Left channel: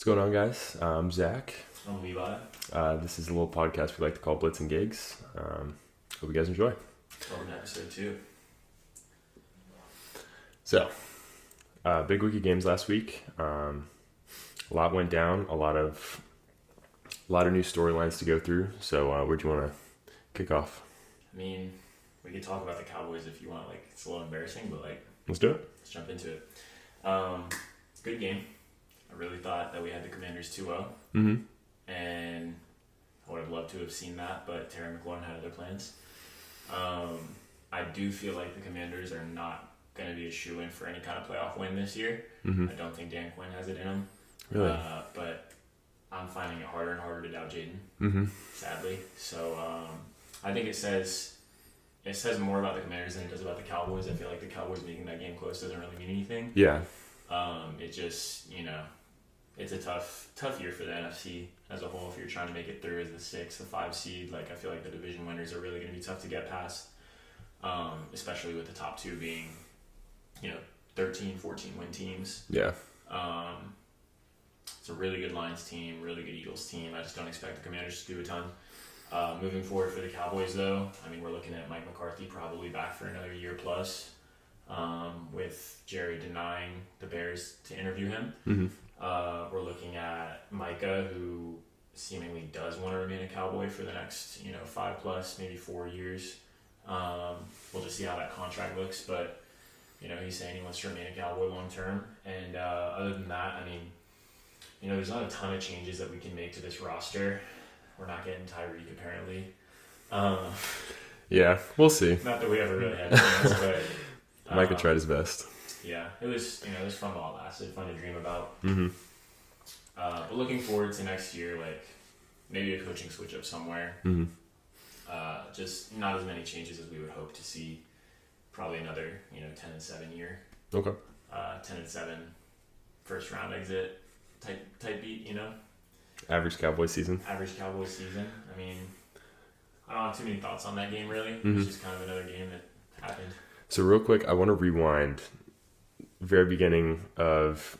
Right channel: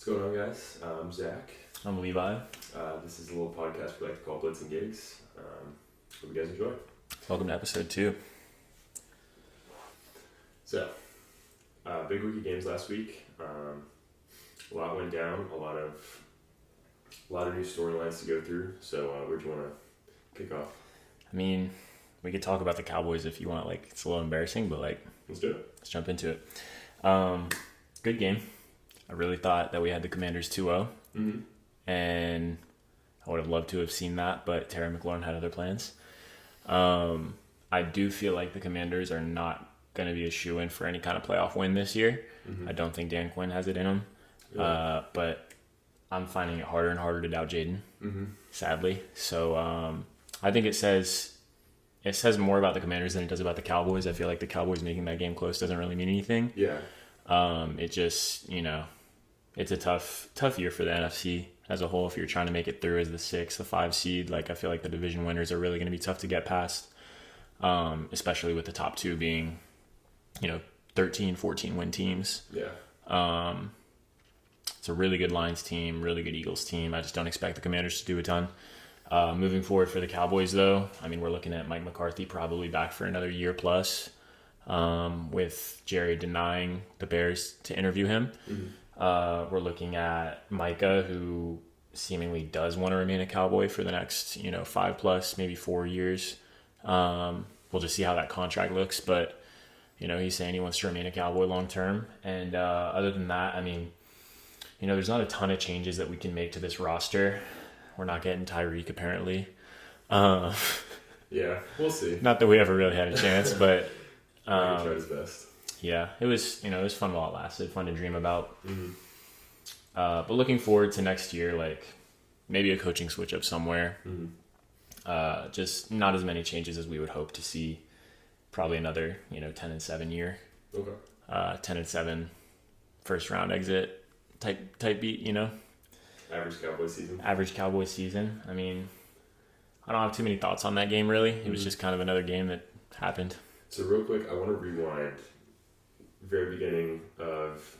What's going on, guys? I'm Zach. I'm Levi. This is a little podcast we like to call Blitz Gigs. Hope you guys enjoy. Welcome to episode 2. So, big week of games last week. A lot went down. A lot of new storylines to go through. So, where do you want to kick off? I mean, we could talk about the Cowboys if you want. It's a little embarrassing, but let's do it. Let's jump into it. Good game. I really thought that we had the Commanders 2-0. And I would have loved to have seen that, but Terry McLaurin had other plans. I do feel like the Commanders are not going to be a shoo-in for any kind of playoff win this year. I don't think Dan Quinn has it in him. Really? But I'm finding it harder and harder to doubt Jaden, sadly. So I think it says more about the Commanders than it does about the Cowboys. I feel like the Cowboys making that game close doesn't really mean anything. Yeah. It just, it's a tough year for the NFC as a whole. If you're trying to make it through as the 6, the 5 seed, I feel like the division winners are really going to be tough to get past, especially with the top 2 being, 13, 14 win teams. Yeah. It's a really good Lions team, really good Eagles team. I just don't expect the Commanders to do a ton. Moving forward for the Cowboys, though, we're looking at Mike McCarthy probably back for another year plus, with Jerry denying the Bears to interview him. We're looking at Micah, who seemingly does want to remain a Cowboy for the next, 5 plus, maybe 4 years. We'll just see how that contract looks, but, he's saying he wants to remain a Cowboy long term. And other than that, there's not a ton of changes that we can make to this roster. We're not getting Tyreek, apparently. Yeah, we'll see. Not that we ever really had a chance, but... Micah tried his best. Yeah, it was fun while it lasted, fun to dream about. But looking forward to next year, maybe a coaching switch up somewhere. Just not as many changes as we would hope to see. Probably another, 10-7 year. Okay. 10-7 first round exit type beat, Average Cowboys season. Average Cowboys season. I don't have too many thoughts on that game, really. It was just kind of another game that happened. So real quick, I want to rewind very beginning of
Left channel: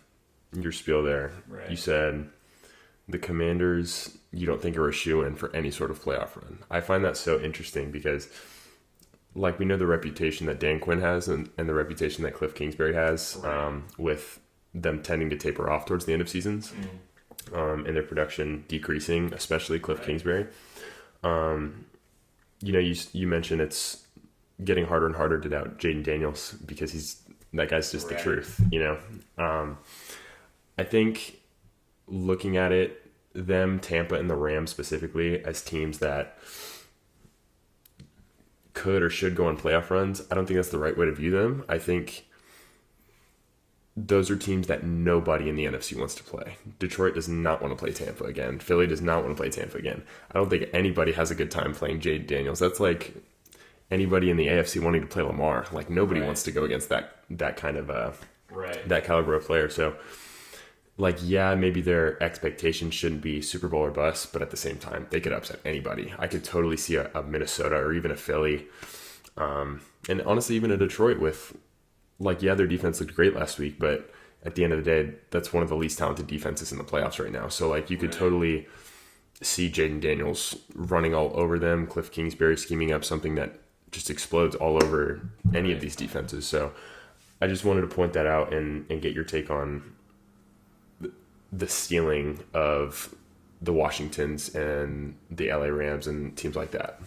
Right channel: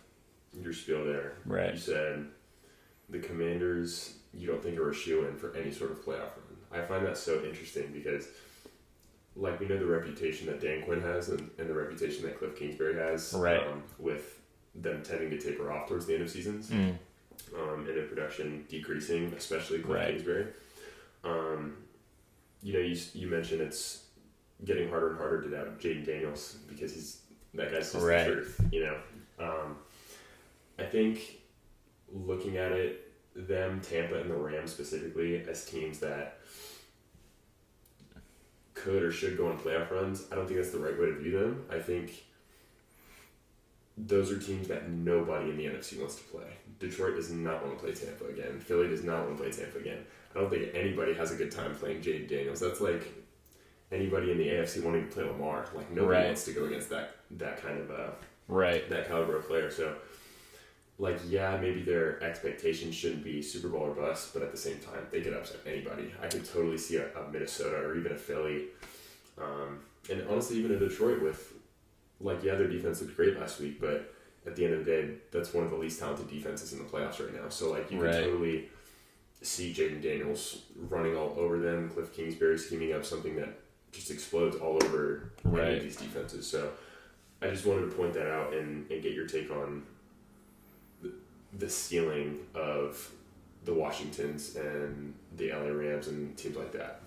your spiel there. Right. You said the Commanders, you don't think are a shoo-in for any sort of playoff run. I find that so interesting because, we know the reputation that Dan Quinn has and the reputation that Cliff Kingsbury has, right. With them tending to taper off towards the end of seasons, and their production decreasing, especially Cliff Kingsbury. You mentioned it's getting harder and harder to doubt Jaden Daniels because that guy's just the truth, I think looking at it, Tampa and the Rams specifically, as teams that could or should go on playoff runs, I don't think that's the right way to view them. I think those are teams that nobody in the NFC wants to play. Detroit does not want to play Tampa again. Philly does not want to play Tampa again. I don't think anybody has a good time playing Jaden Daniels. That's like anybody in the AFC wanting to play Lamar. Nobody wants to go against that kind of that caliber of player. So maybe their expectations shouldn't be Super Bowl or bust, but at the same time they could upset anybody. I could totally see a Minnesota or even a Philly, and honestly even a Detroit with their defense looked great last week, but at the end of the day that's one of the least talented defenses in the playoffs right now. So you could totally see Jaden Daniels running all over them, Cliff Kingsbury scheming up something that just explodes all over any of these defenses. So I just wanted to point that out and get your take on the stealing of the Washingtons and the LA Rams and teams like that.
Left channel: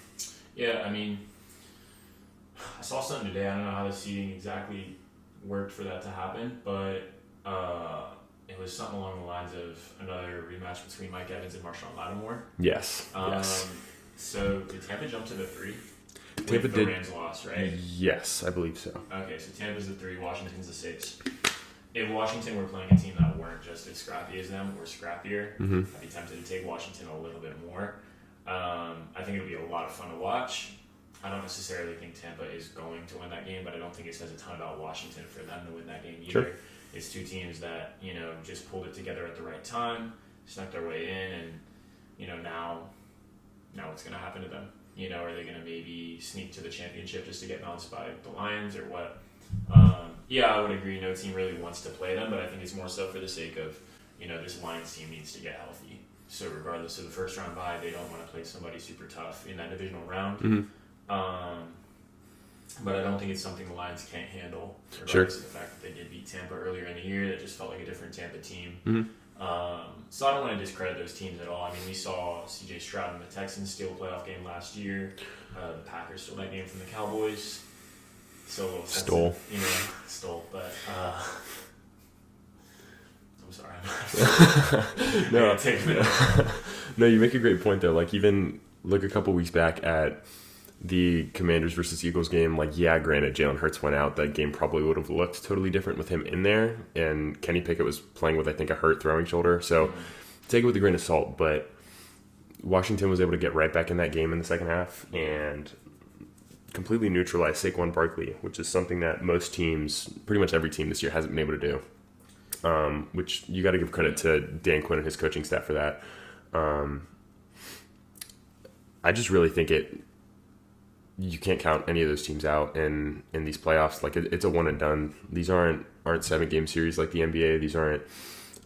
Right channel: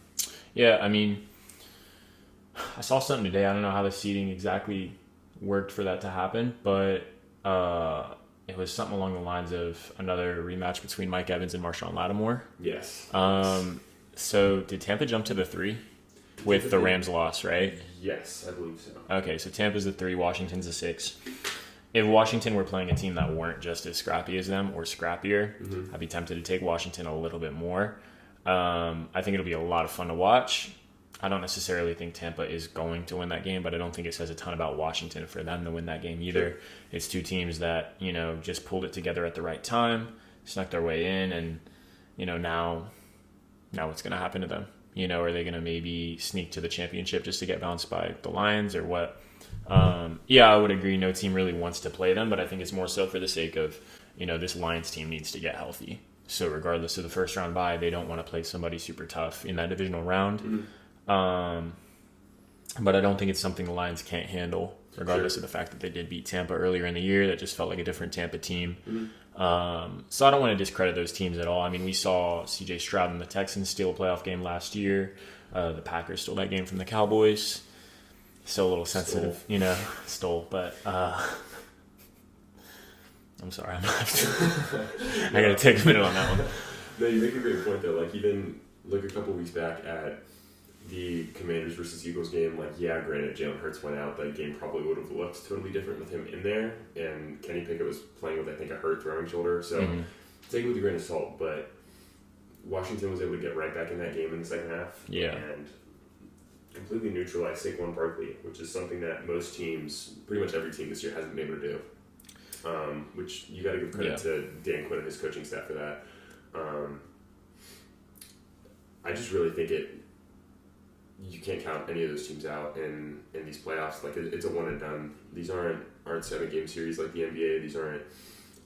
Yeah, I saw something today. I don't know how the seeding exactly worked for that to happen, but it was something along the lines of another rematch between Mike Evans and Marshawn Lattimore. Yes. So did Tampa jump to the 3 with the Rams loss, right? Yes, I believe so. Okay, so Tampa's the 3, Washington's the 6. If Washington were playing a team that weren't just as scrappy as them or scrappier, I'd be tempted to take Washington a little bit more. I think it'll be a lot of fun to watch. I don't necessarily think Tampa is going to win that game, but I don't think it says a ton about Washington for them to win that game either. Sure. It's two teams that, just pulled it together at the right time, snuck their way in, and, now what's going to happen to them? Are they going to maybe sneak to the championship just to get bounced by the Lions or what? I would agree. No team really wants to play them, but I think it's more so for the sake of this Lions team needs to get healthy. So regardless of the first round bye, they don't want to play somebody super tough in that divisional round. Mm-hmm. But I don't think it's something the Lions can't handle, regardless of the fact that they did beat Tampa earlier in the year. That just felt like a different Tampa team. Mm-hmm. So I don't want to discredit those teams at all. I mean, we saw C.J. Stroud and the Texans steal a playoff game last year. The Packers stole that game from the Cowboys. So a little sensitive, stole. But I'm sorry, I'm not. I gotta take a minute on that one. No, you make a great point though. Like even look a couple weeks back at the Commanders versus Eagles game. Like granted, Jalen Hurts went out. That game probably would have looked totally different with him in there. And Kenny Pickett was playing with I think a hurt throwing shoulder. So take it with a grain of salt. But Washington was able to get right back in that game in the second half and completely neutralize Saquon Barkley, which is something that most teams, pretty much every team this year, hasn't been able to do. Which you got to give credit to Dan Quinn and his coaching staff for that. I just really think you can't count any of those teams out in these playoffs. Like it's a one and done. These aren't 7-game series like the NBA. These aren't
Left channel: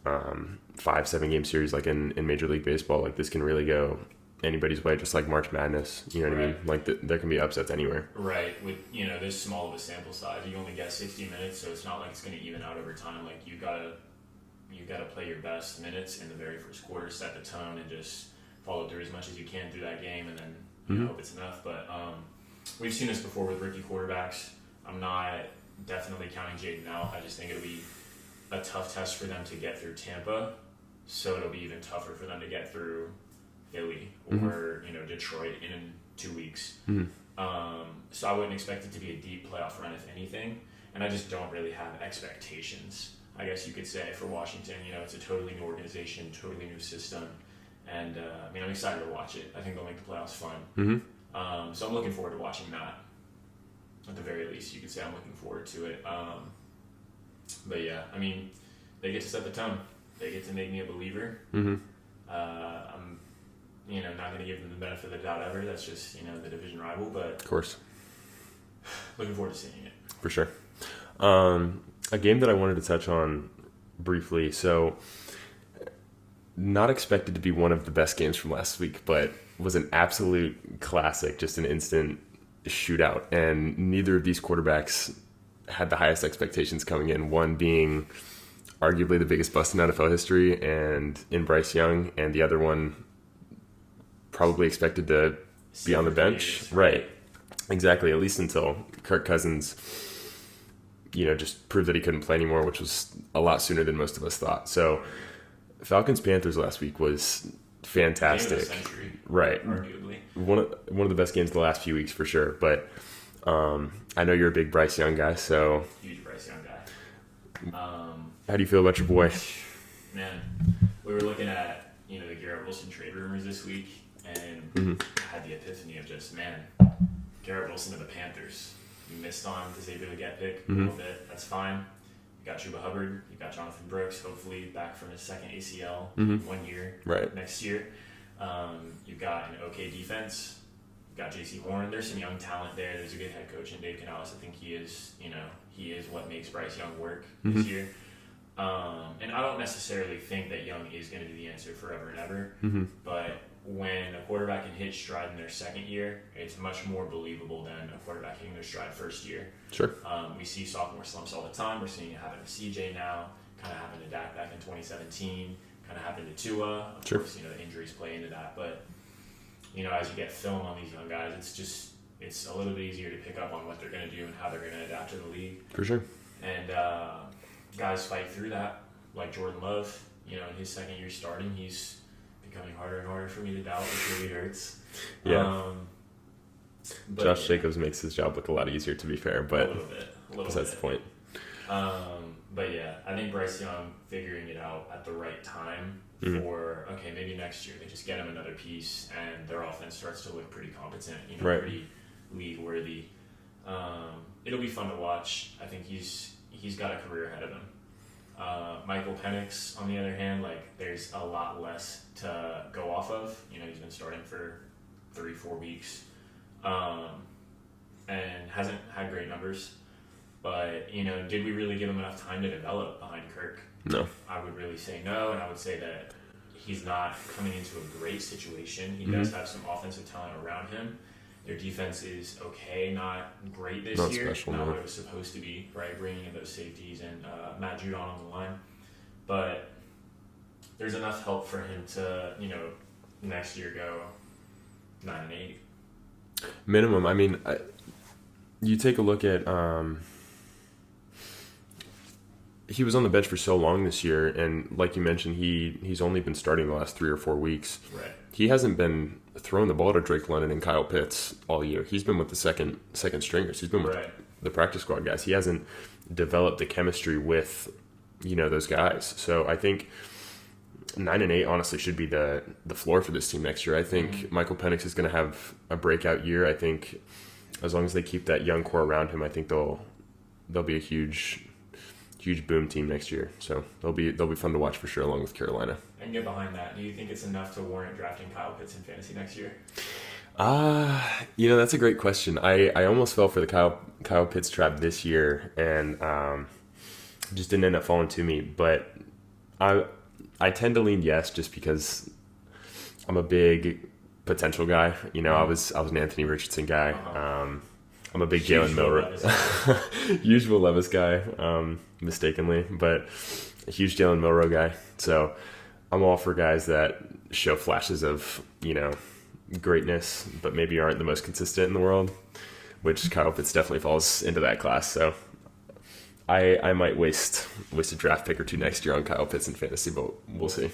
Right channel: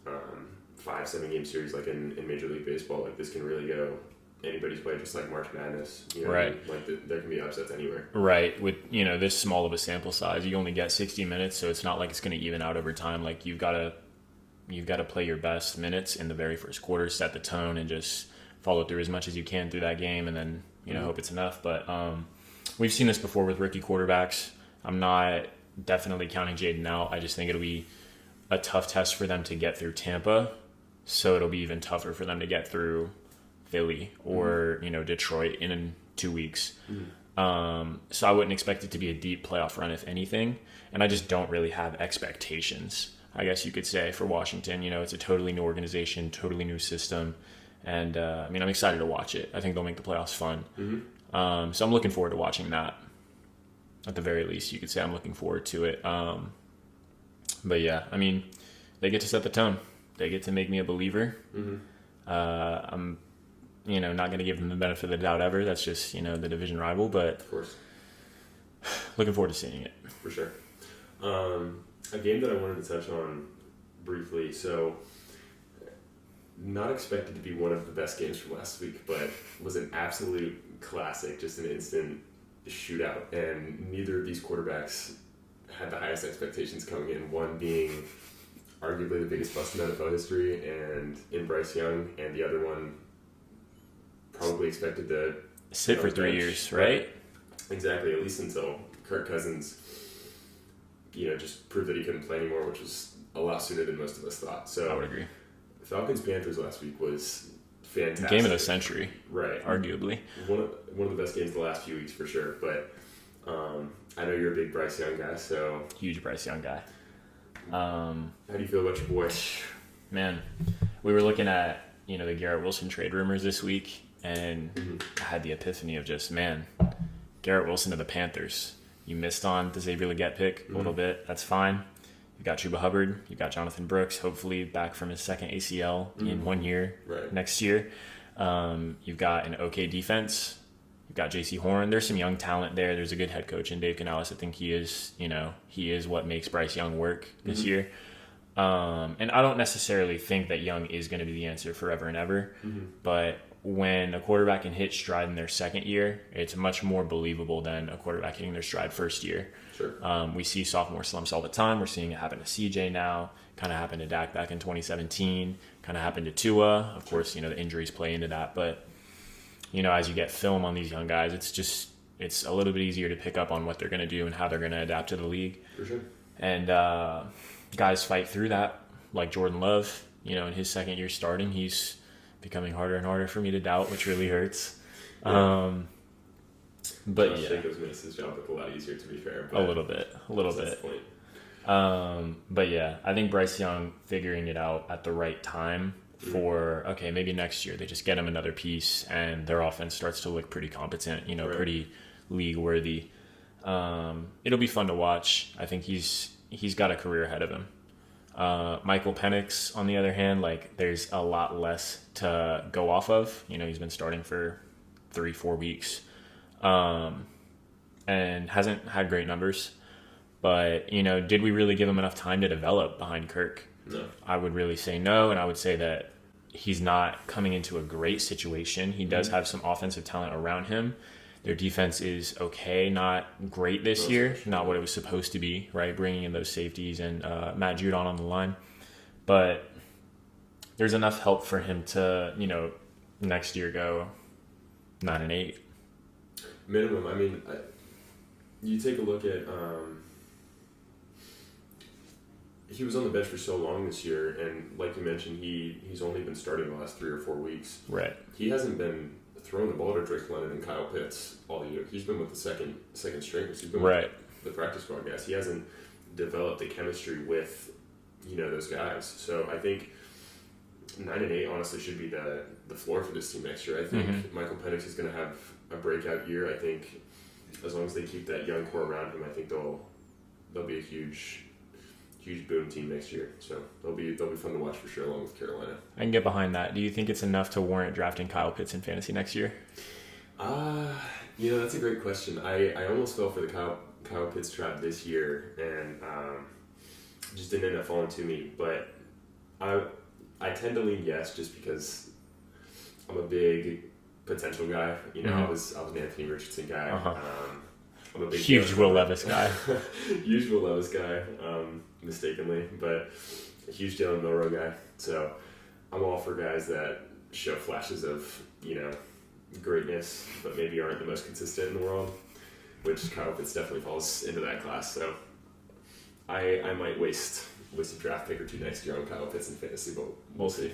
5-7 game series like in Major League Baseball. Like this can really go anybody's way, just like March Madness. You know what I mean? Like there can be upsets anywhere. Right. With this small of a sample size, you only get 60 minutes, so it's not like it's going to even out over time. Like you've got to play your best minutes in the very first quarter, set the tone, and just follow through as much as you can through that game, and then hope it's enough. But we've seen this before with rookie quarterbacks. I'm not definitely counting Jaden out. I just think it'll be a tough test for them to get through Tampa, so it'll be even tougher for them to get through Philly or Detroit in 2 weeks. So I wouldn't expect it to be a deep playoff run, if anything. And I just don't really have expectations, I guess you could say, for Washington. It's a totally new organization, totally new system. And I'm excited to watch it. I think they'll make the playoffs fun. So I'm looking forward to watching that. At the very least, you could say I'm looking forward to it. But yeah, they get to set the tone. They get to make me a believer. I'm not going to give them the benefit of the doubt ever. That's just, the division rival, but of course, looking forward to seeing it. For sure. A game that I wanted to touch on briefly. So not expected to be one of the best games from last week, but was an absolute classic, just an instant shootout. And neither of these quarterbacks had the highest expectations coming in, one being arguably the biggest bust in NFL history and in Bryce Young, and the other one probably expected to be on the bench. 3 years, right? Exactly, at least until Kirk Cousins, just proved that he couldn't play anymore, which was a lot sooner than most of us thought. So Falcons-Panthers last week was fantastic. Game of the century. Right. Arguably. One of the best games of the last few weeks for sure. But I know you're a big Bryce Young guy, so... Huge Bryce Young guy. How do you feel about your boy? Man, we were looking at, the Garrett Wilson trade rumors this week, and I had the epiphany of just, man, Garrett Wilson to the Panthers. You missed on the Xavier Legette pick a little bit. That's fine. You got Chuba Hubbard. You got Jonathan Brooks, hopefully back from his second ACL in 1 year next year. You've got an okay defense. You've got J.C. Horn. There's some young talent there. There's a good head coach in Dave Canales. I think he is what makes Bryce Young work this year. And I don't necessarily think that Young is going to be the answer forever and ever. But when a quarterback can hit stride in their second year, it's much more believable than a quarterback hitting their stride first year. Sure. We see sophomore slumps all the time. We're seeing it happen to CJ now. Kind of happened to Dak back in 2017. Kind of happened to Tua. Of course, the injuries play into that. But, as you get film on these young guys, it's a little bit easier to pick up on what they're going to do and how they're going to adapt to the league. For sure. And guys fight through that, like Jordan Love. In his second year starting, he's becoming harder and harder for me to doubt, which really hurts. Yeah. But Josh Jacobs makes his job look a lot easier, to be fair. But a little bit. That's the point. But yeah, I think Bryce Young figuring it out at the right time for, maybe next year they just get him another piece and their offense starts to look pretty competent, pretty league worthy. It'll be fun to watch. I think he's got a career ahead of him. Michael Penix, on the other hand, there's a lot less to go off of. He's been starting for 3-4 weeks and hasn't had great numbers. But, did we really give him enough time to develop behind Kirk? No. I would really say no, and I would say that he's not coming into a great situation. He does have some offensive talent around him. Their defense is okay, not great this year, special, not what it was supposed to be, right? Bringing in those safeties and Matt Judon on the line. But there's enough help for him to, next year go 9-8. Minimum. I mean, you take a look at he was on the bench for so long this year, and like you mentioned, he's only been starting the last 3 or 4 weeks. Right. He hasn't been throwing the ball to Drake London and Kyle Pitts all year. He's been with the second stringers. He's been with the practice squad guys. He hasn't developed the chemistry with those guys. So I think 9-8 honestly should be the floor for this team next year. I think Michael Penix is going to have a breakout year. I think as long as they keep that young core around him, I think they'll be a huge boom team next year. So they'll be fun to watch for sure, along with Carolina. I can get behind that. Do you think it's enough to warrant drafting Kyle Pitts in fantasy next year? That's a great question. I almost fell for the Kyle Pitts trap this year, and just didn't end up falling to me. But I tend to lean yes, just because I'm a big potential guy. I was an Anthony Richardson guy. I'm a big huge Will Levis guy. Huge Will Levis guy, mistakenly, but a huge Jalen Milroe guy. So I'm all for guys that show flashes of, greatness, but maybe aren't the most consistent in the world, which Kyle Pitts definitely falls into that class. So I might waste a draft pick or two next year on Kyle Pitts in fantasy, but we'll see.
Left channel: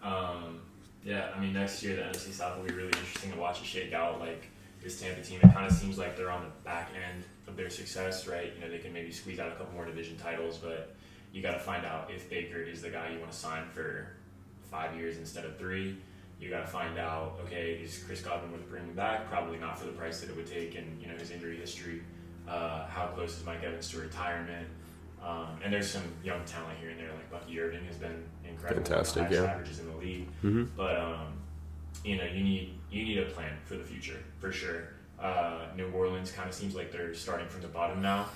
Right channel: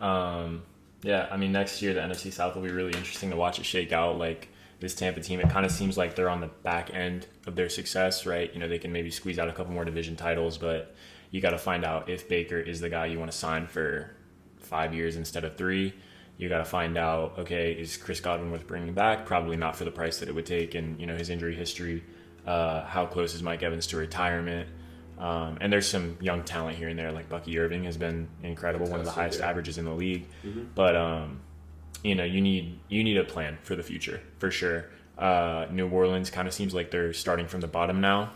Yeah. I mean, next year the NFC South will be really interesting to watch it shake out. Like, this Tampa team, it kind of seems like they're on the back end of their success, right? They can maybe squeeze out a couple more division titles, but you got to find out if Baker is the guy you want to sign for 5 years instead of 3. You got to find out, okay, is Chris Godwin worth bringing back? Probably not for the price that it would take, and his injury history. How close is Mike Evans to retirement? And there's some young talent here and there, like Bucky Irving has been incredible, one of the highest averages in the league. But you need a plan for the future for sure. New Orleans kind of seems like they're starting from the bottom now.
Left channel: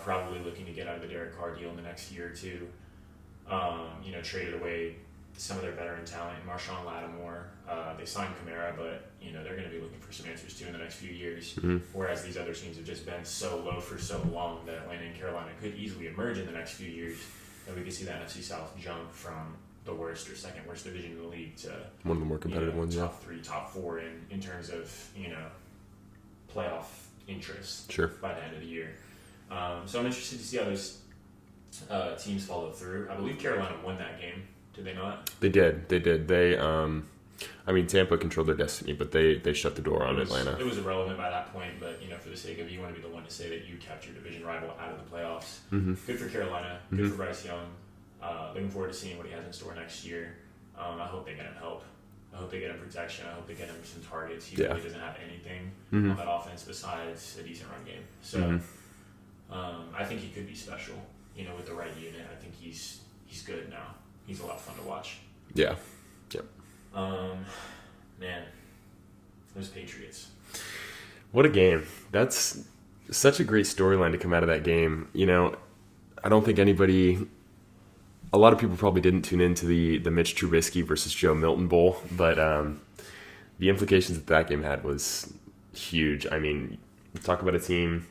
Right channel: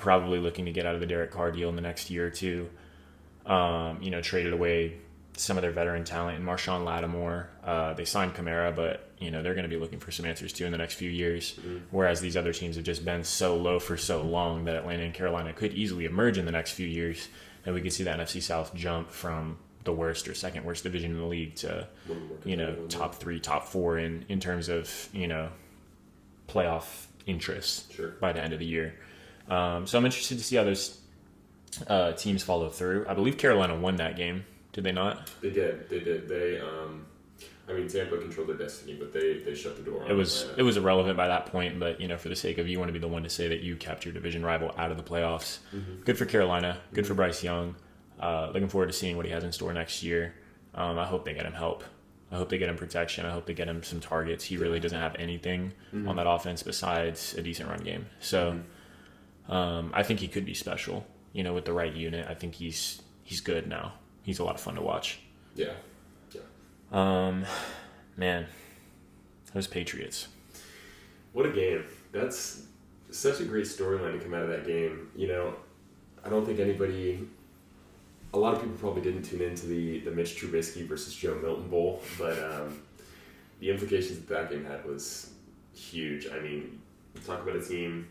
Probably looking to get out of the Derek Carr deal in the next year or two. Traded away some of their veteran talent in Marshawn Lattimore. They signed Kamara, but they're going to be looking for some answers too in the next few years. Whereas these other teams have just been so low for so long that Atlanta and Carolina could easily emerge in the next few years, and we could see that NFC South jump from the worst or second worst division in the league to one of the more competitive ones, top 3, top 4 in terms of playoff interest. Sure. By the end of the year. So I'm interested to see how those teams follow through. I believe Carolina won that game. Did they not? They did. They Tampa controlled their destiny, but they shut the door on Atlanta. It was irrelevant by that point, but for the sake of, you want to be the one to say that you kept your division rival out of the playoffs. Good for Carolina. Good for Bryce Young. Looking forward to seeing what he has in store next year. I hope they get him help. I hope they get him protection. I hope they get him some targets. He really doesn't have anything on that offense besides a decent run game. So I think he could be special. With the right unit, I think he's good now. He's a lot of fun to watch. Yeah. Man, those Patriots. What a game. That's such a great storyline to come out of that game. I don't think a lot of people probably didn't tune into the Mitch Trubisky versus Joe Milton Bowl, but the implications that game had was huge. I mean, talk about a team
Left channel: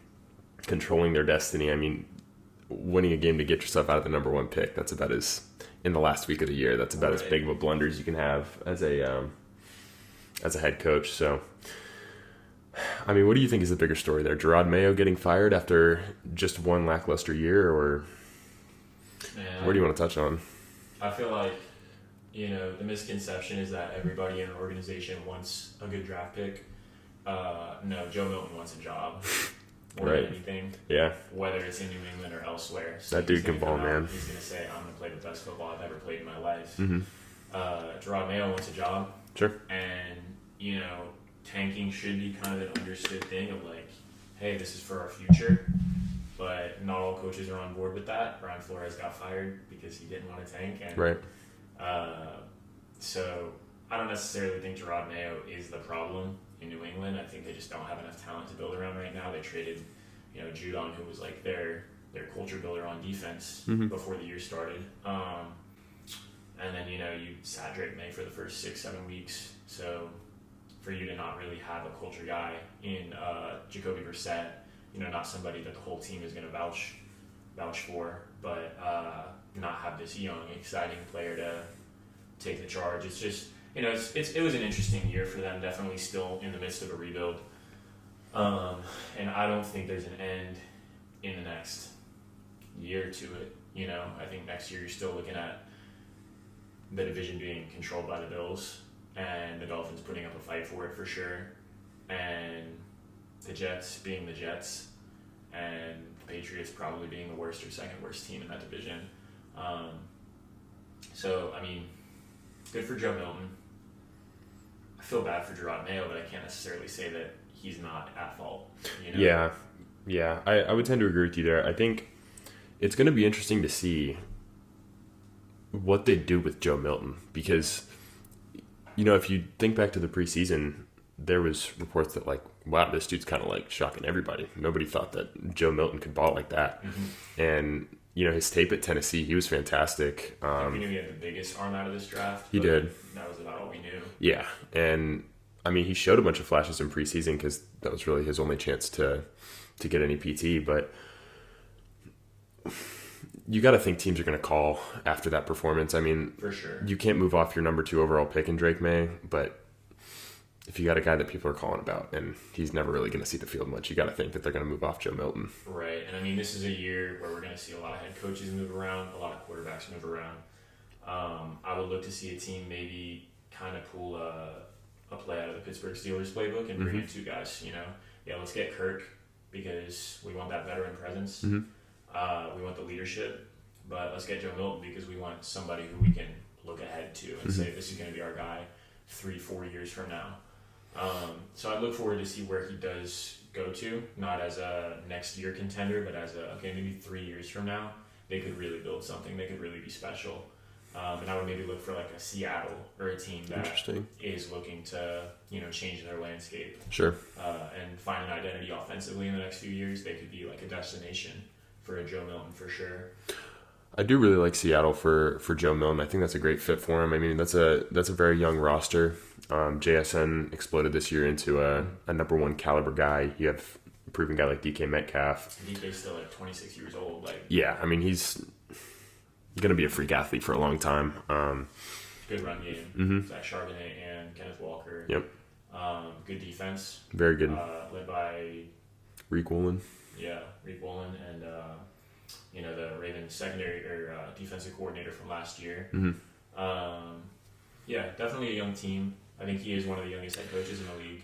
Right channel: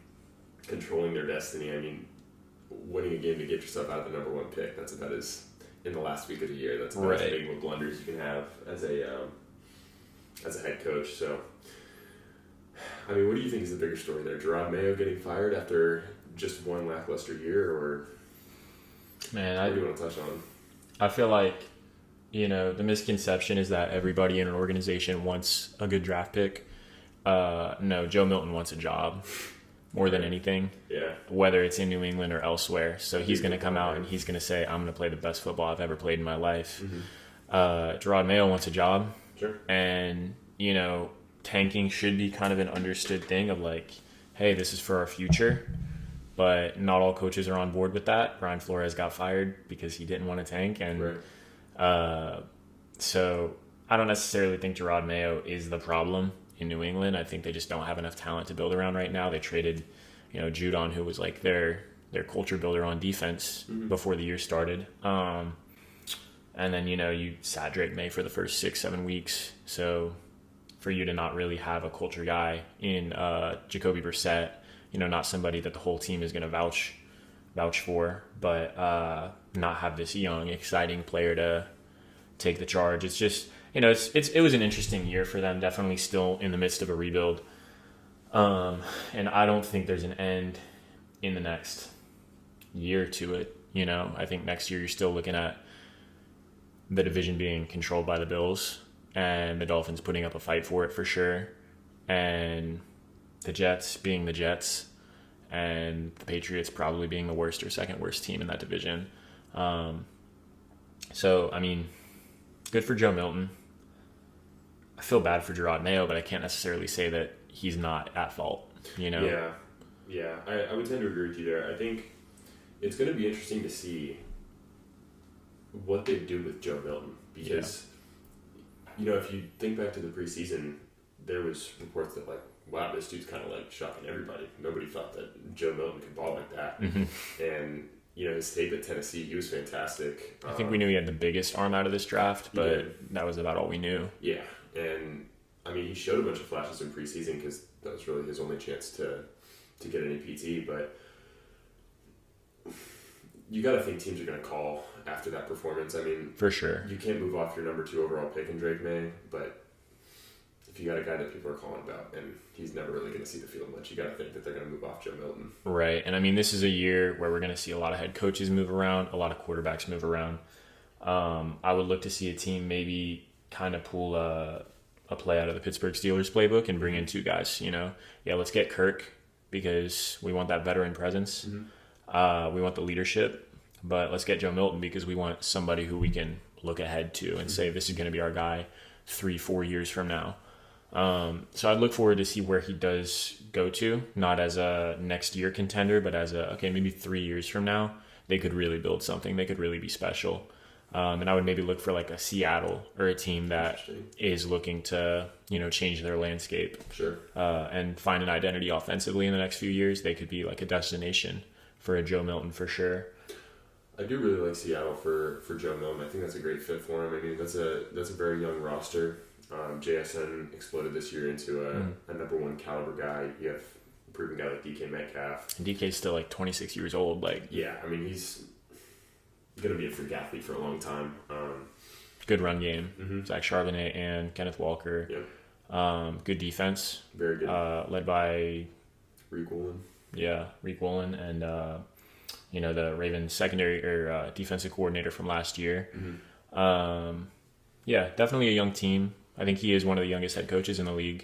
controlling their destiny. I mean, winning a game to get yourself out of the number 1 pick, that's about as, in the last week of the year, that's about as big of a blunder as you can have as a head coach. So, I mean, what do you think is the bigger story there? Gerard Mayo getting fired after just one lackluster year, or what do you want to touch on? I feel like, the misconception is that everybody in an organization wants a good draft pick. No, Joe Milton wants a job more than anything. Yeah. Whether it's in New England or elsewhere. So he's going to come out and he's going to say, I'm going to play the best football I've ever played in my life. Gerard Mayo wants a job. Sure. And, tanking should be kind of an understood thing of like, hey, this is for our future. But not all coaches are on board with that. Brian Flores got fired because he didn't want to tank. And so I don't necessarily think Gerard Mayo is the problem in New England. I think they just don't have enough talent to build around right now. They traded, Judon, who was like their their culture builder on defense before the year started. And then, you sat Drake May for the first 6-7 weeks. So for you to not really have a culture guy in Jacoby Brissett, not somebody that the whole team is going to vouch for, but not have this young, exciting player to take the charge. It's just, it was an interesting year for them, definitely still in the midst of a rebuild. And I don't think there's an end in the next year to it. I think next year you're still looking at the division being controlled by the Bills and the Dolphins putting up a fight for it for sure, and the Jets being the Jets, and the Patriots probably being the worst or second worst team in that division. So, I mean, good for Joe Milton. I feel bad for Gerard Mayo, but I can't necessarily say that he's not at fault. Yeah. I would tend to agree with you there. I think it's going to be interesting to see what they do with Joe Milton, because if you think back to the preseason, there was reports that wow, this dude's kind of shocking everybody. Nobody thought that Joe Milton could ball like that. And his tape at Tennessee, he was fantastic. I think we knew he had the biggest arm out of this draft. He did. That was about all we knew. Yeah, and I mean, he showed a bunch of flashes in preseason because that was really his only chance to get any PT. But you got to think teams are going to call after that performance. I mean, for sure, you can't move off your number 2 overall pick in Drake May, but if you got a guy that people are calling about and he's never really going to see the field much, you got to think that they're going to move off Joe Milton. Right. And I mean, this is a year where we're going to see a lot of head coaches move around, a lot of quarterbacks move around. I would look to see a team maybe kind of pull a play out of the Pittsburgh Steelers playbook and bring in 2 guys, let's get Kirk because we want that veteran presence. We want the leadership, but let's get Joe Milton because we want somebody who we can look ahead to and say, this is going to be our guy 3-4 years from now. So I'd look forward to see where he does go to, not as a next year contender, but as maybe 3 years from now, they could really build something. They could really be special. And I would maybe look for a Seattle or a team that is looking to, change their landscape. Sure. And find an identity offensively in the next few years. They could be a destination for a Joe Milton for sure. I do really like Seattle for Joe Milton. I think that's a great fit for him. I mean, that's a very young roster. JSN exploded this year into a number 1 caliber guy. You have a proven guy like DK Metcalf. DK's still 26 years old. Yeah, I mean, he's going to be a freak athlete for a long time. Good run game. Zach Charbonnet and Kenneth Walker. Yep. Good defense. Very good. Led by Reek Woolen. Yeah, Reek Woolen and the Ravens secondary or defensive coordinator from last year. Yeah, definitely a young team. I think he is one of the youngest head coaches in the league.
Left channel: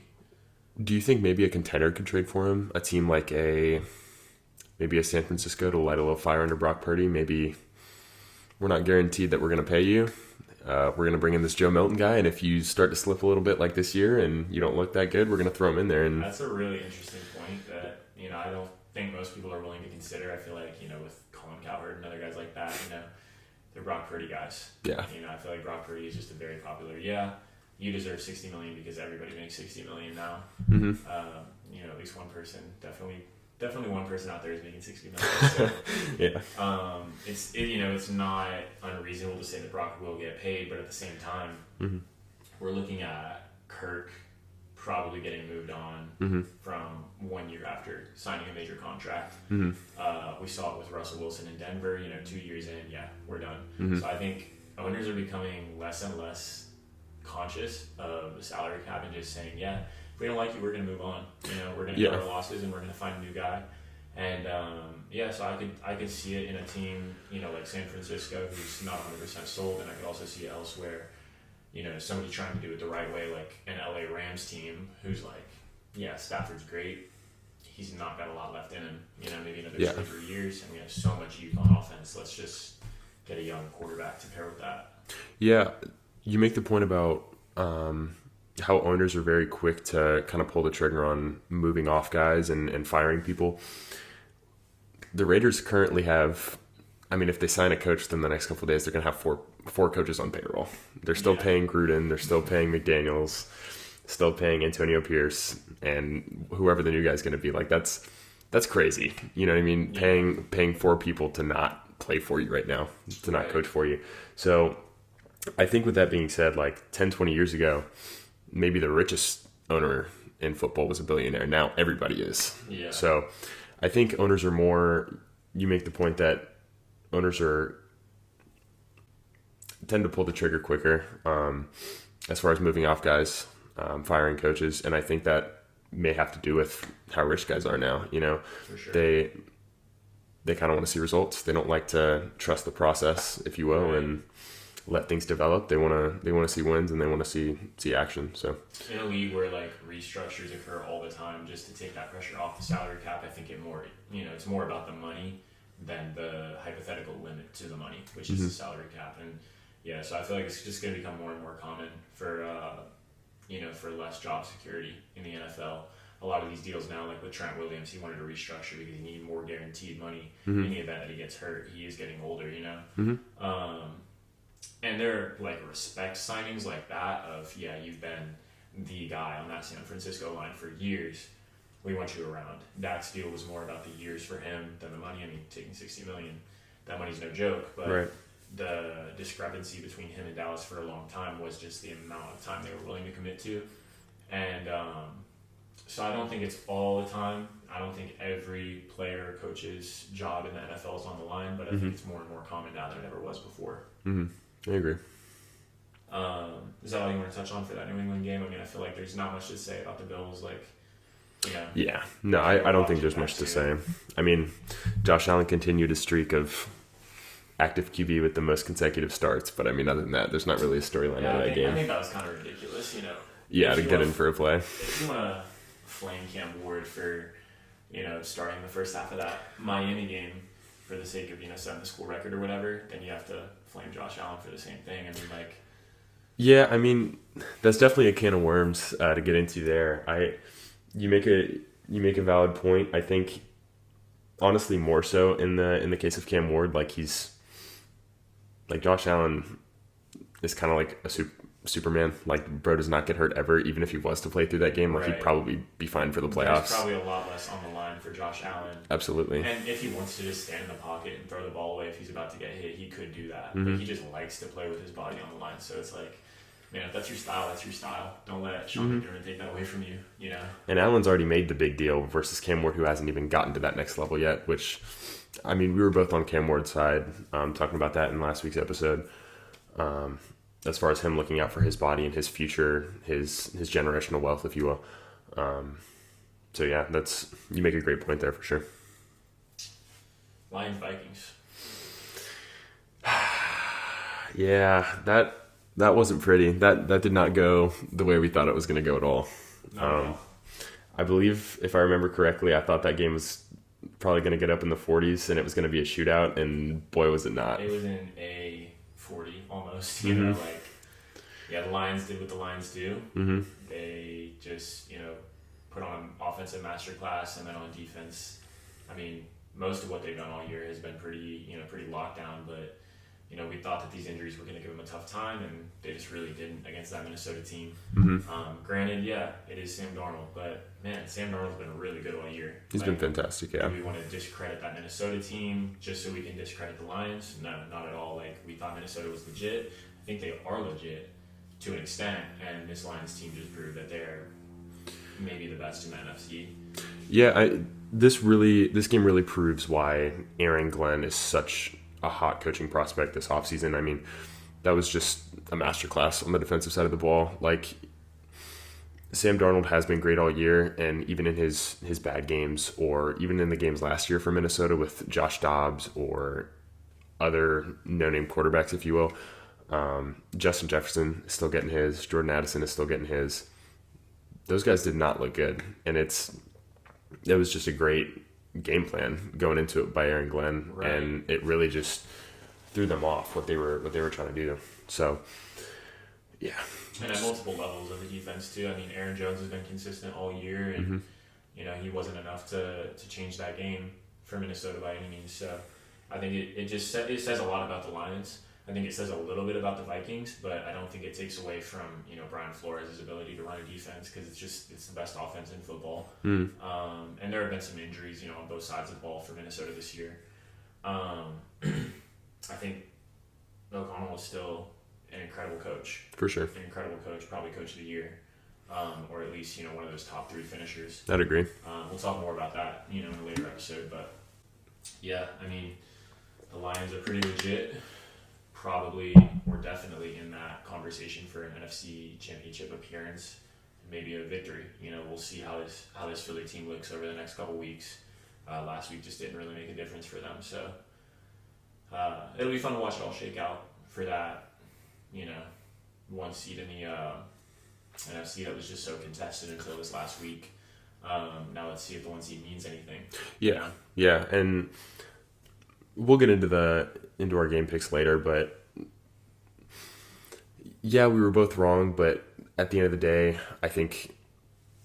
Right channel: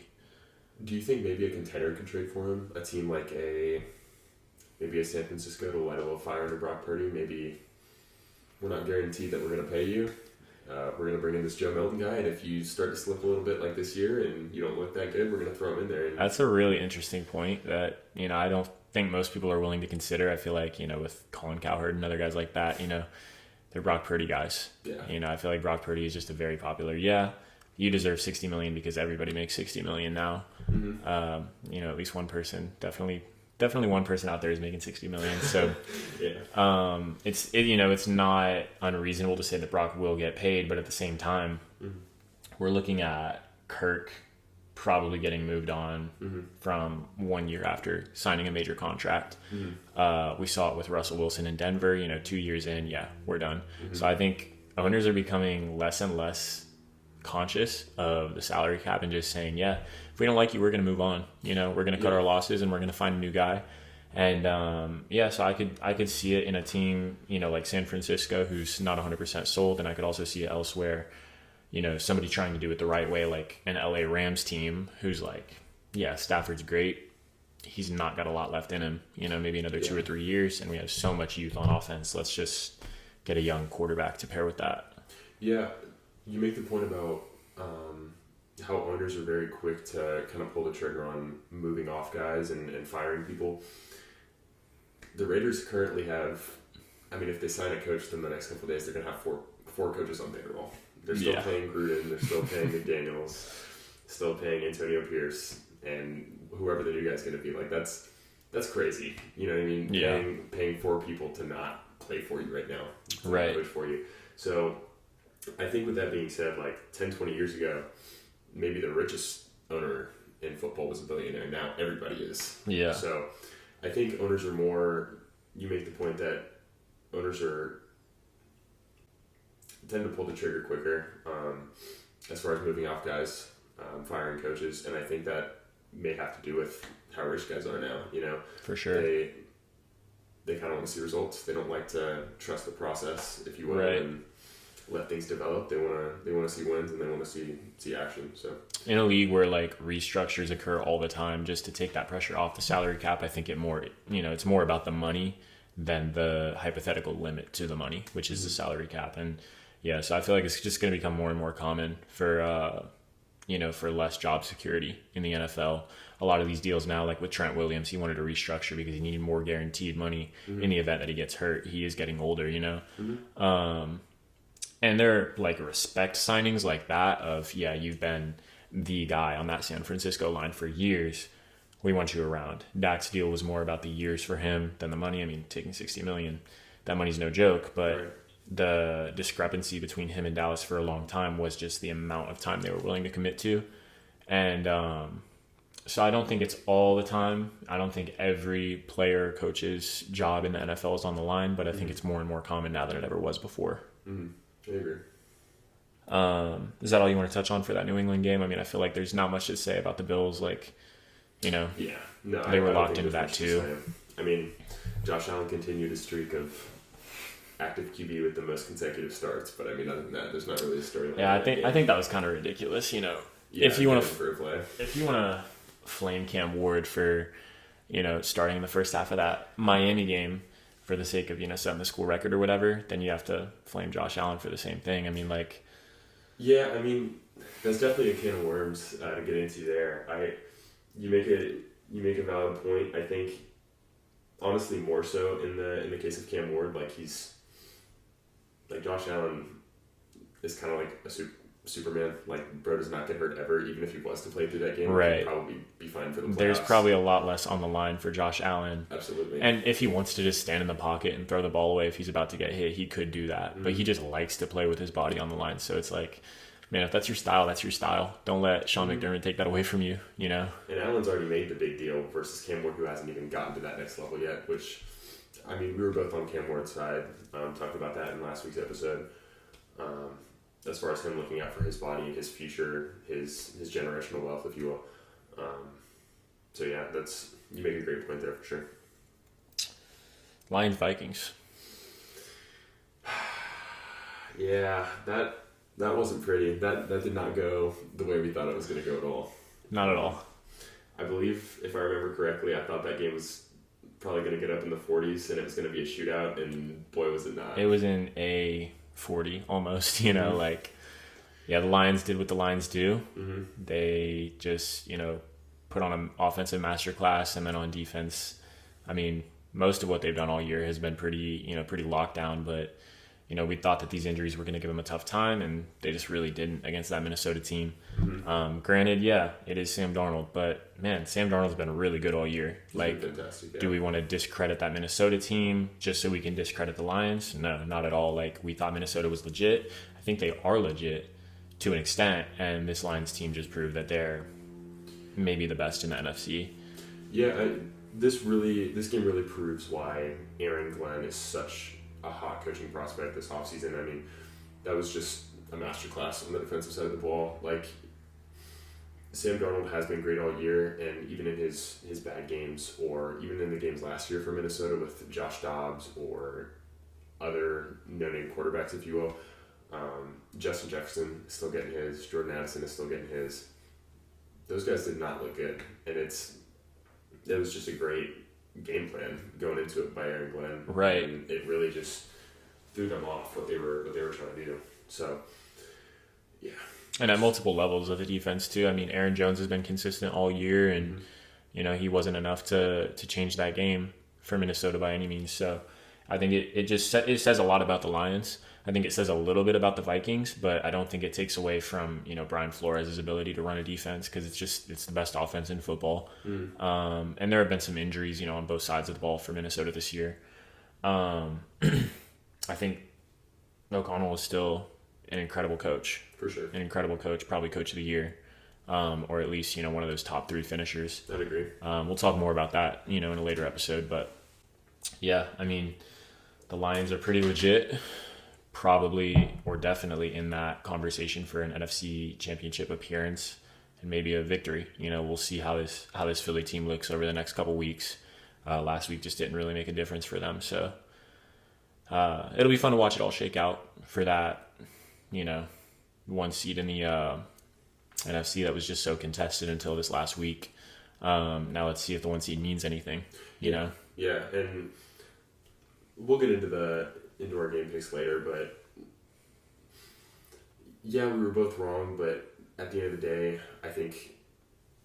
Do you think maybe a contender could trade for him? A team like maybe a San Francisco to light a little fire under Brock Purdy? Maybe we're not guaranteed that we're going to pay you. We're going to bring in this Joe Milton guy, and if you start to slip a little bit like this year and you don't look that good, we're going to throw him in there. And that's a really interesting point that, I don't think most people are willing to consider. I feel like, with Colin Cowherd and other guys like that, they're Brock Purdy guys. Yeah. I feel like Brock Purdy is just a very popular, you deserve $60 million because everybody makes $60 million now. At least one person, definitely one person out there is making $60 million. So yeah, it's not unreasonable to say that Brock will get paid, but at the same time, we're looking at Kirk probably getting moved on from 1 year after signing a major contract. We saw it with Russell Wilson in Denver, 2 years in, we're done. So I think owners are becoming less and less conscious of the salary cap and just saying, if we don't like you, we're going to move on. We're going to cut our losses and we're going to find a new guy. And so I could see it in a team, like San Francisco, who's not 100% sold, and I could also see it elsewhere. Somebody trying to do it the right way, like an LA Rams team who's Stafford's great. He's not got a lot left in him, maybe another 2 or 3 years, and we have so much youth on offense. Let's just get a young quarterback to pair with that. Yeah, you make the point about how owners are very quick to kind of pull the trigger on moving off guys and firing people. The Raiders currently have, if they sign a coach within the next couple of days, they're going to have four coaches on payroll. They're still paying Gruden. They're still paying McDaniels, still paying Antonio Pierce, and whoever the new guy's going to be. That's that's crazy. You know what I mean? Yeah. Paying 4 people to not play for you right now, to not Right. coach for you. So I think with that being said, like 10, 20 years ago, maybe the richest owner in football was a billionaire. Now everybody is. Yeah. So I think owners are more, you make the point that owners tend to pull the trigger quicker as far as moving off guys, firing coaches. And I think that may have to do with how rich guys are now. You know, For sure. They kind of want to see results. They don't like to trust the process, if you will, Right. and let things develop. They want to see wins, and they want to see action. So In a league where like restructures occur all the time, just to take that pressure off the salary cap, I think it's more about the money than the hypothetical limit to the money, which is the salary cap. And yeah, so I feel like it's just going to become more and more common for for less job security in the NFL. A lot of these deals now, like with Trent Williams, he wanted to restructure because he needed more guaranteed money in the event that he gets hurt. He is getting older, and they're like respect signings like that of, you've been the guy on that San Francisco line for years. We want you around. Dak's deal was more about the years for him than the money. I mean, taking $60 million, that money's no joke, but Right. the discrepancy between him and Dallas for a long time was just the amount of time they were willing to commit to. And so I don't think it's all the time. I don't think every player, coach's job in the NFL is on the line, but I think it's more and more common now than it ever was before. I agree. Is that all you want to touch on for that New England game? I mean, I feel like there's not much to say about the Bills. Yeah. No, I were don't locked think into there's that much to too. say. I mean, Josh Allen continued a streak of active QB with the most consecutive starts, but I mean, other than that, there's not really a storyline. Yeah, in that game. I think that was kind of ridiculous. Yeah, if to you get want in for a play. if you want to flame Cam Ward for starting the first half of that Miami game for the sake of setting the school record or whatever, then you have to flame Josh Allen for the same thing. I mean, like, Yeah, I mean, that's definitely a can of worms to get into there. You make a valid point. I think, honestly, more so in the case of Cam Ward, like Josh Allen is kind of like a Superman. Like, bro does not get hurt ever. Even if he was to play through that game, like, Right. he'd probably be fine for the playoffs. there's probably a lot less on the line for Josh Allen. Absolutely. And if he wants to just stand in the pocket and throw the ball away if he's about to get hit, he could do that. But he just likes to play with his body on the line. So it's like, man, if that's your style, that's your style. Don't let Sean McDermott take that away from you, And Allen's already made the big deal versus Cam Ward, who hasn't even gotten to that next level yet, which, I mean, we were both on Cam Ward's side, talking about that in last week's episode, as far as him looking out for his body and his future, his generational wealth, if you will. So, yeah, you make a great point there for sure. Lions Vikings. Yeah, that wasn't pretty. That did not go the way we thought it was going to go at all. Not at all. I believe, if I remember correctly, I thought that game was probably going to get up in the 40s and it was going to be a shootout, and boy, was it not. It was in a 40 almost, the Lions did what the Lions do. They just, put on an offensive masterclass, and then on defense, I mean, most of what they've done all year has been pretty locked down, but we thought that these injuries were going to give them a tough time, and they just really didn't against that Minnesota team. Granted, it is Sam Darnold, but man, Sam Darnold's been really good all year. He's been fantastic, yeah. Do we want to discredit that Minnesota team just so we can discredit the Lions? No, not at all. Like, we thought Minnesota was legit. I think they are legit to an extent, and this Lions team just proved that they're maybe the best in the NFC. Yeah, this game really proves why Aaron Glenn is such a hot coaching prospect this offseason. I mean, that was just a masterclass on the defensive side of the ball. Like, Sam Darnold has been great all year, and even in his bad games, or even in the games last year for Minnesota with Josh Dobbs or other no-name quarterbacks, if you will, Justin Jefferson is still getting his, Jordan Addison is still getting his. Those guys did not look good, and it was just a great game plan going into it by Aaron Glenn, right? And it really just threw them off what they were trying to do. So, yeah, and at multiple levels of the defense too. I mean, Aaron Jones has been consistent all year, and he wasn't enough to change that game for Minnesota by any means. So, I think it says a lot about the Lions. I think it says a little bit about the Vikings, but I don't think it takes away from, Brian Flores' ability to run a defense, because it's the best offense in football. And there have been some injuries, on both sides of the ball for Minnesota this year. I think O'Connell is still an incredible coach. For sure. An incredible coach, probably coach of the year. Or at least, one of those top 3 finishers. I'd agree. We'll talk more about that, in a later episode. But, yeah, I mean, the Lions are pretty legit. Probably or definitely in that conversation for an NFC championship appearance and maybe a victory. We'll see how this Philly team looks over the next couple weeks. Last week just didn't really make a difference for them. So it'll be fun to watch it all shake out for that, 1 seed in the NFC that was just so contested until this last week. Now let's see if the 1 seed means anything. Yeah, and we'll get into our game picks later, but yeah, we were both wrong. But at the end of the day, I think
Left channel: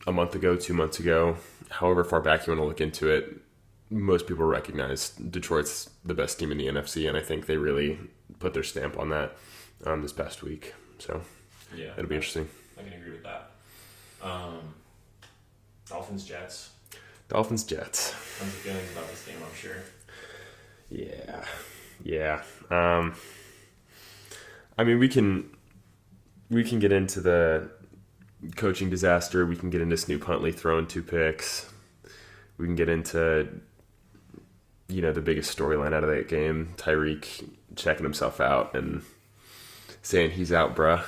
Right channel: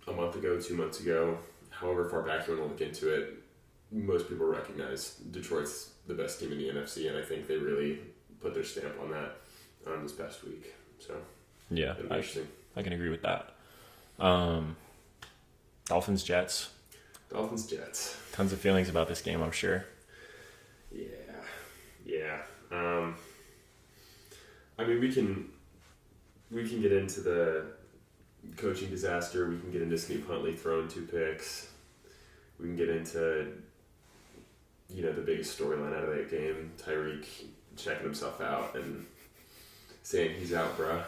a month ago, 2 months ago, however far back you want to look into it, most people recognize Detroit's the best team in the NFC, and I think they really put their stamp on that this past week. So yeah, it'll be interesting. I can agree with that. Dolphins Jets. Tons of feelings about this game, I'm sure. Yeah. I mean, we can get into the coaching disaster. We can get into Snoop Huntley throwing 2 picks. We can get into, the biggest storyline out of that game, Tyreek checking himself out and saying he's out, bruh.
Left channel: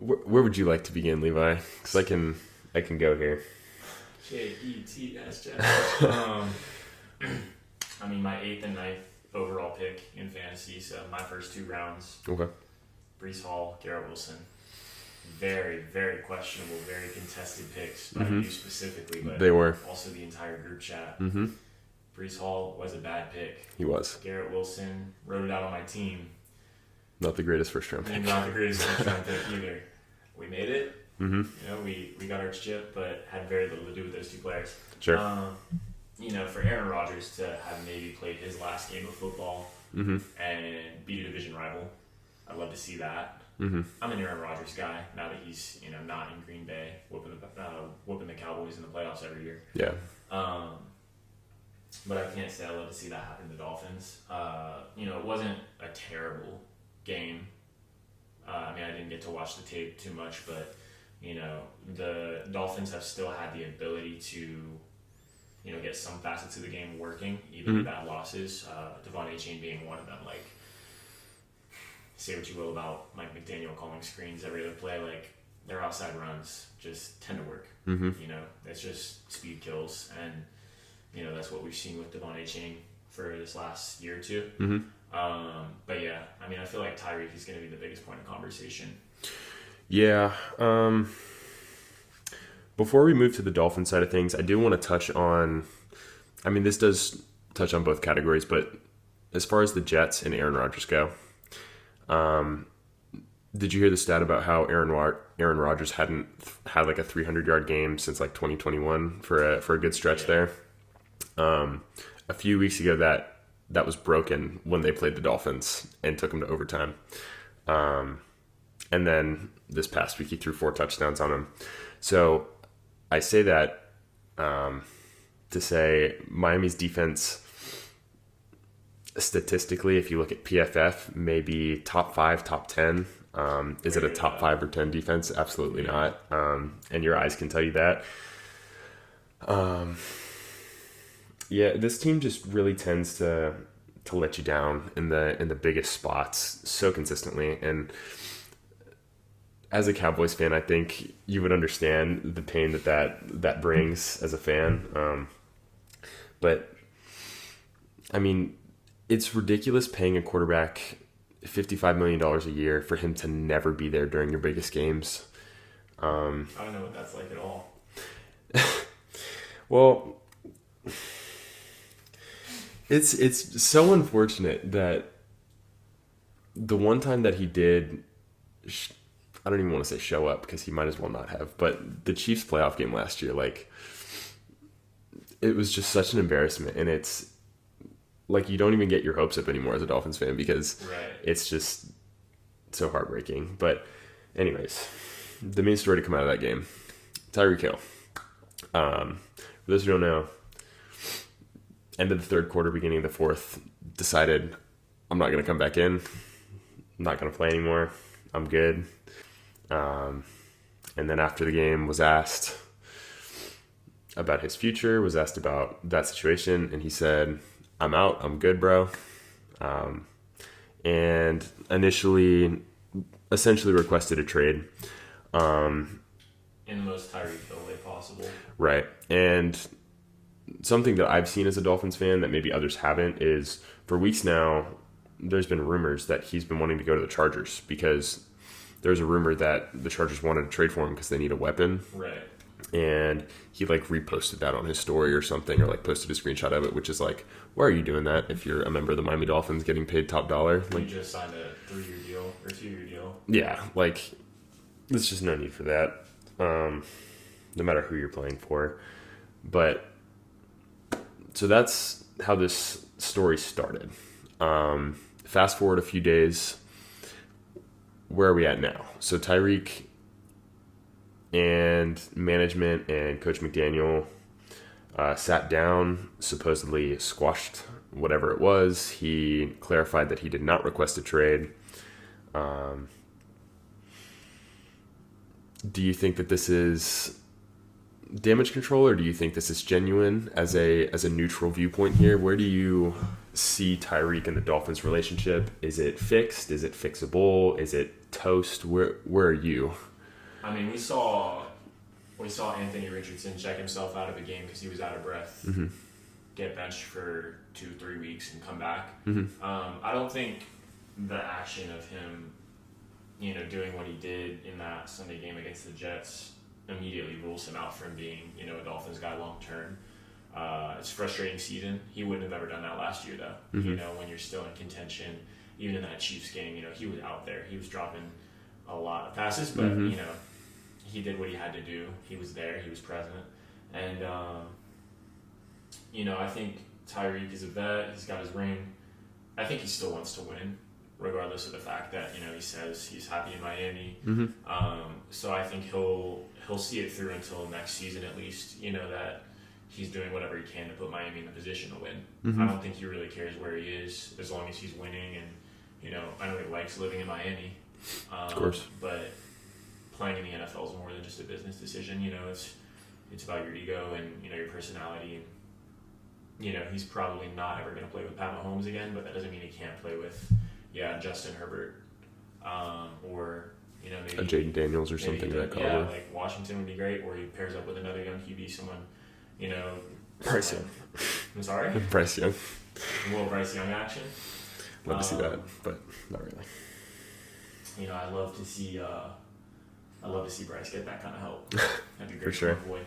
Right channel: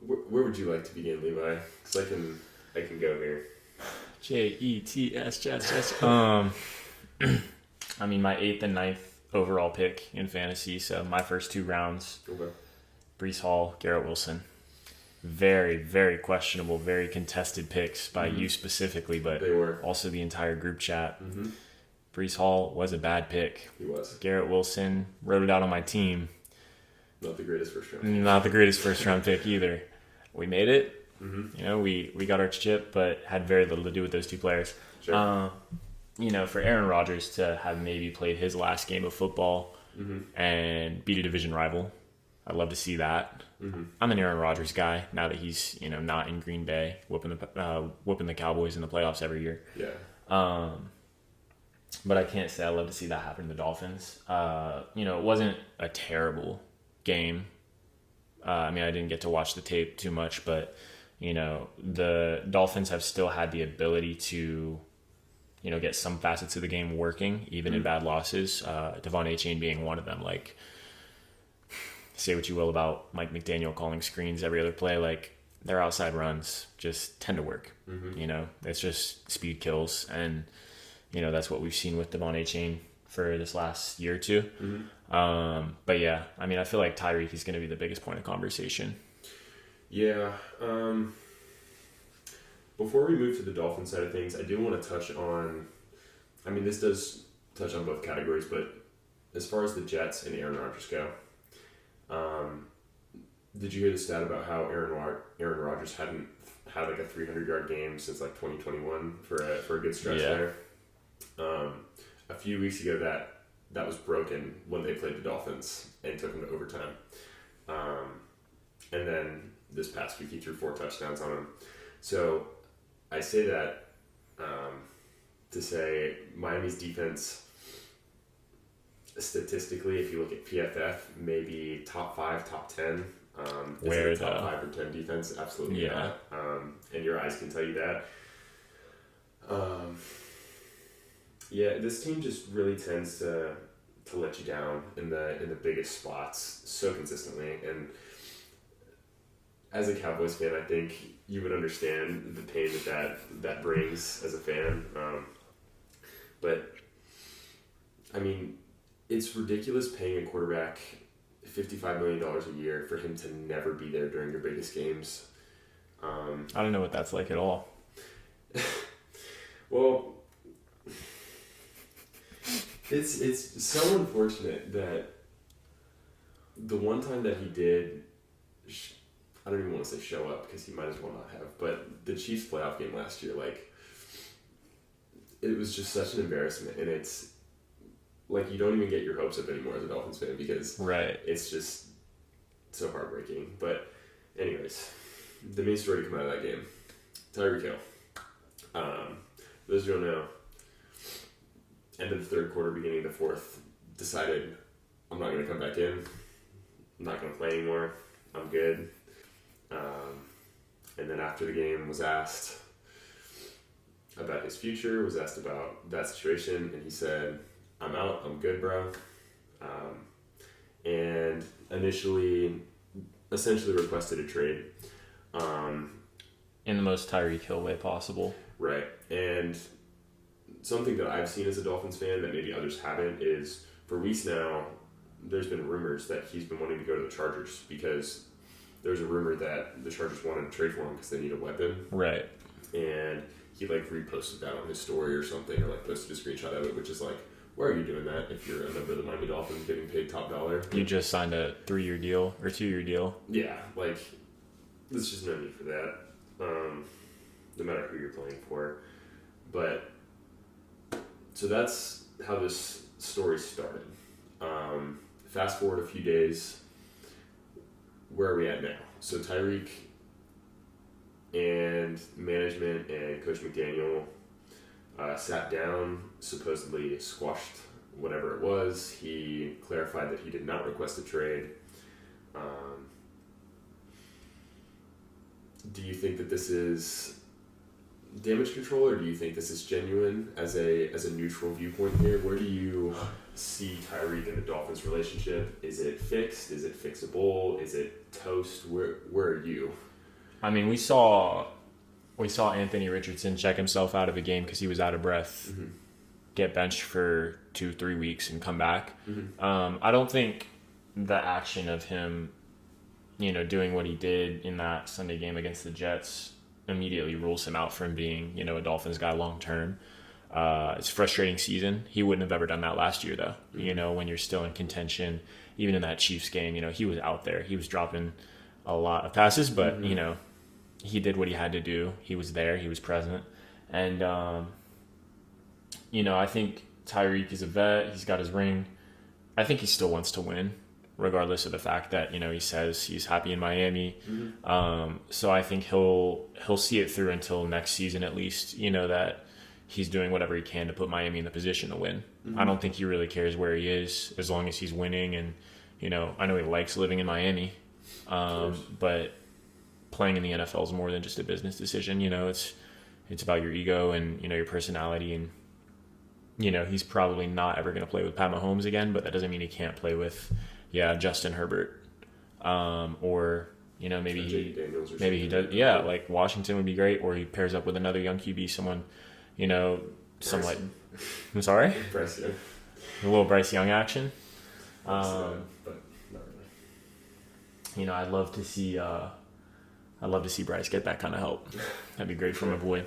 Where would you like to begin, Levi? Because I can go here. Jets. I mean, my 8th and 9th overall pick in fantasy. So my first 2 rounds. Okay. Breece Hall, Garrett Wilson. Very, very questionable, very contested picks by you specifically, but they were also the entire group chat. Breece Hall was a bad pick. He was. Garrett Wilson wrote it out on my team. Not the greatest first round pick. Not the greatest first round pick either. We made it. We got our chip, but had very little to do with those 2 players. Sure. For Aaron Rodgers to have maybe played his last game of football and beat a division rival, I'd love to see that. I'm an Aaron Rodgers guy now that he's not in Green Bay whooping the Cowboys in the playoffs every year. Yeah. But I can't say I love to see that happen to the Dolphins. It wasn't a terrible game. I didn't get to watch the tape too much, but the Dolphins have still had the ability to get some facets of the game working, even in bad losses. Devon Achane being one of them. Like, say what you will about Mike McDaniel calling screens every other play, like, their outside runs just tend to work. It's just speed kills, and that's what we've seen with Devon Achane for this last year or 2. But yeah, I feel like Tyreek is going to be the biggest point of conversation. Yeah. Before we move to the Dolphin side of things, I do want to touch on, this does touch on both categories, but as far as the Jets and Aaron Rodgers go, did you hear the stat about how Aaron Rodgers hadn't had like a 300-yard game since like 2021 for a good stretch there? A few weeks ago that was broken when they played the Dolphins and took them to overtime. And then this past week he threw 4 touchdowns on them. So I say that to say Miami's defense, statistically, if you look at PFF, maybe top 5, top 10. Is it a top 5 or 10 defense? Absolutely not. And your eyes can tell you that. This team just really tends to let you down in the biggest spots so consistently. And as a Cowboys fan, I think you would understand the pain that brings as a fan. But it's ridiculous paying a quarterback $55 million a year for him to never be there during your biggest games. I don't know what that's like at all. Well, it's so unfortunate that the one time that he did, I don't even want to say show up because he might as well not have, but the Chiefs playoff game last year, like, it was just such an embarrassment. And like you don't even get your hopes up anymore as a Dolphins fan because right. it's just so heartbreaking. But anyways, the main story to come out of that game, Tyreek Hill. For those who don't know, end of the third quarter, beginning of the fourth, decided I'm not going to come back in. I'm not going to play anymore. I'm good. And then after the game was asked about his future, was asked about that situation, and he said, I'm out. I'm good, bro. And essentially requested a trade. In the most Tyreek Hill way possible. Right. And something that I've seen as a Dolphins fan that maybe others haven't is for weeks now, there's been rumors that he's been wanting to go to the Chargers because there's a rumor that the Chargers wanted to trade for him because they need a weapon. Right. And he like reposted that on his story or something, or like posted a screenshot of it, which is like, why are you doing that if you're a member of the Miami Dolphins getting paid top dollar? You just signed a 3-year deal or 2-year deal. Yeah, like there's just no need for that. No matter who you're playing for. But so that's how this story started. Fast forward a few days. Where are we at now? So Tyreek and management and Coach McDaniel sat down, supposedly squashed whatever it was. He clarified that he did not request a trade. Do you think that this is damage control, or do you think this is genuine as a neutral viewpoint here? Where do you see Tyreek and the Dolphins relationship? Is it fixed? Is it fixable? Is it toast? Where are you? I mean, we saw Anthony Richardson check himself out of a game because he was out of breath, get benched for 2-3 weeks and come back. I don't think the action of him, doing what he did in that Sunday game against the Jets immediately rules him out from being, a Dolphins guy long term. It's a frustrating season. He wouldn't have ever done that last year, though. When you're still in contention, even in that Chiefs game, he was out there. He was dropping a lot of passes, but, he did what he had to do. He was there. He was present. And, I think Tyreek is a vet. He's got his ring. I think he still wants to win, regardless of the fact that, he says he's happy in Miami. So I think he'll see it through until next season at least, that he's doing whatever he can to put Miami in the position to win. I don't think he really cares where he is as long as he's winning. And, I know he likes living in Miami, Of course. but playing in the NFL is more than just a business decision. It's about your ego and, your personality. And, he's probably not ever going to play with Pat Mahomes again, but that doesn't mean he can't play with, Justin Herbert, or maybe J.D. Daniels or maybe something. he does, like Washington would be great, or he pairs up with another young QB, someone, Bryce like, Young. I'm sorry, Bryce Young. a little Bryce Young action. Love to see that, but not really. I'd love to see Bryce get that kind of help. That'd be great For to sure. avoid.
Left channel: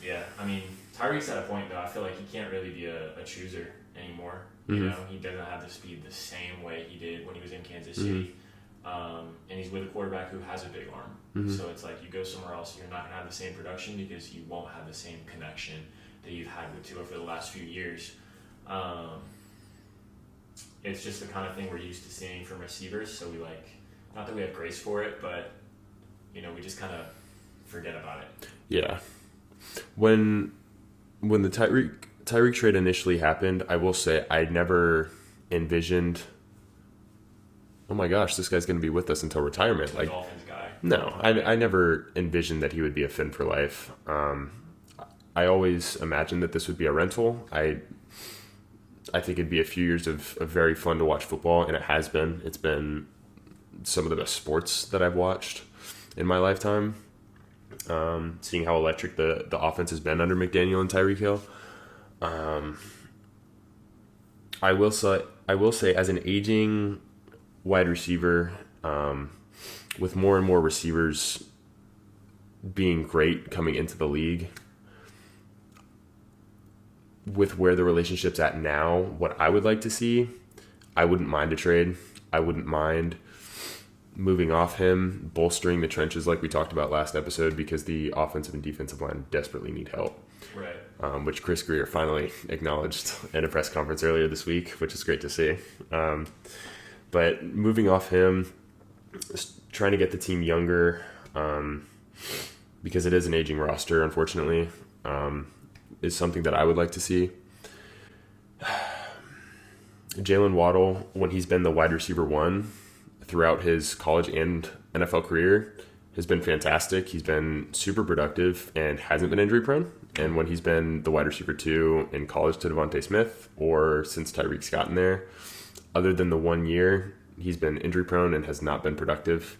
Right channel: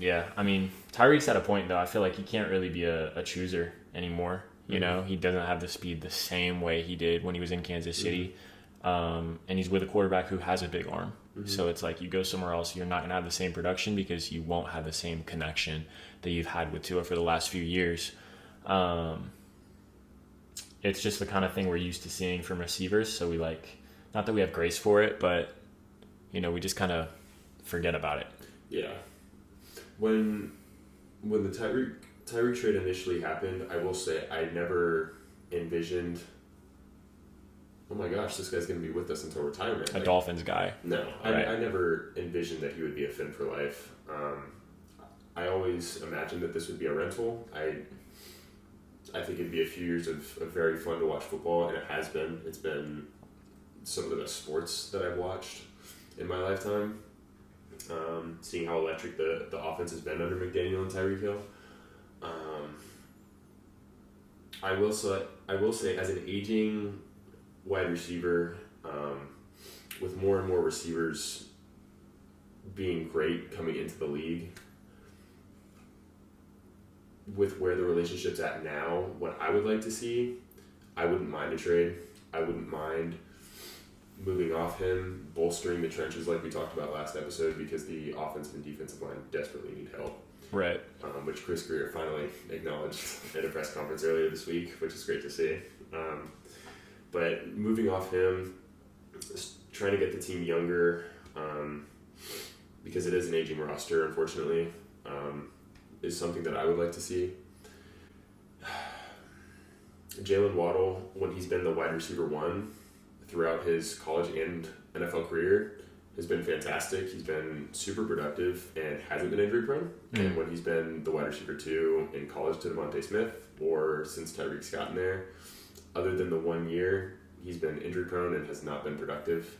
Yeah, I mean, Tyreek's at a point though. I feel like he can't really be a chooser anymore. He doesn't have the speed the same way he did when he was in Kansas City. And he's with a quarterback who has a big arm. So it's like you go somewhere else, you're not going to have the same production because you won't have the same connection that you've had with Tua for the last few years. It's just the kind of thing we're used to seeing from receivers. So we not that we have grace for it, but, we just kind of forget about it. Yeah. When the Tyreek trade initially happened, I will say I never envisioned, oh my gosh, this guy's going to be with us until retirement. A Dolphins guy. No, Right. I never envisioned that he would be a Fin for life. I always imagined that this would be a rental. I think it'd be a few years of very fun to watch football, and it has been. It's been some of the best sports that I've watched in my lifetime. Seeing how electric the offense has been under McDaniel and Tyreek Hill. I will say as an aging wide receiver, with more and more receivers being great coming into the league, with where the relationship's at now, what I would like to see, I wouldn't mind a trade. I wouldn't mind moving off him, bolstering the trenches like we talked about last episode, because the offensive and defensive line desperately need help. Right. Which Chris Greer finally acknowledged at a press conference earlier this week, which is great to see. But moving off him, trying to get the team younger, because it is an aging roster, unfortunately, is something that I would like to see. Jalen Waddle, when he's been the wide receiver one throughout his college and NFL career, has been fantastic. He's been super productive and hasn't been injury prone. Mm-hmm. And when he's been the wide receiver two in college to Devontae Smith, or since Tyreek's gotten there, other than the 1 year, he's been injury prone and has not been productive.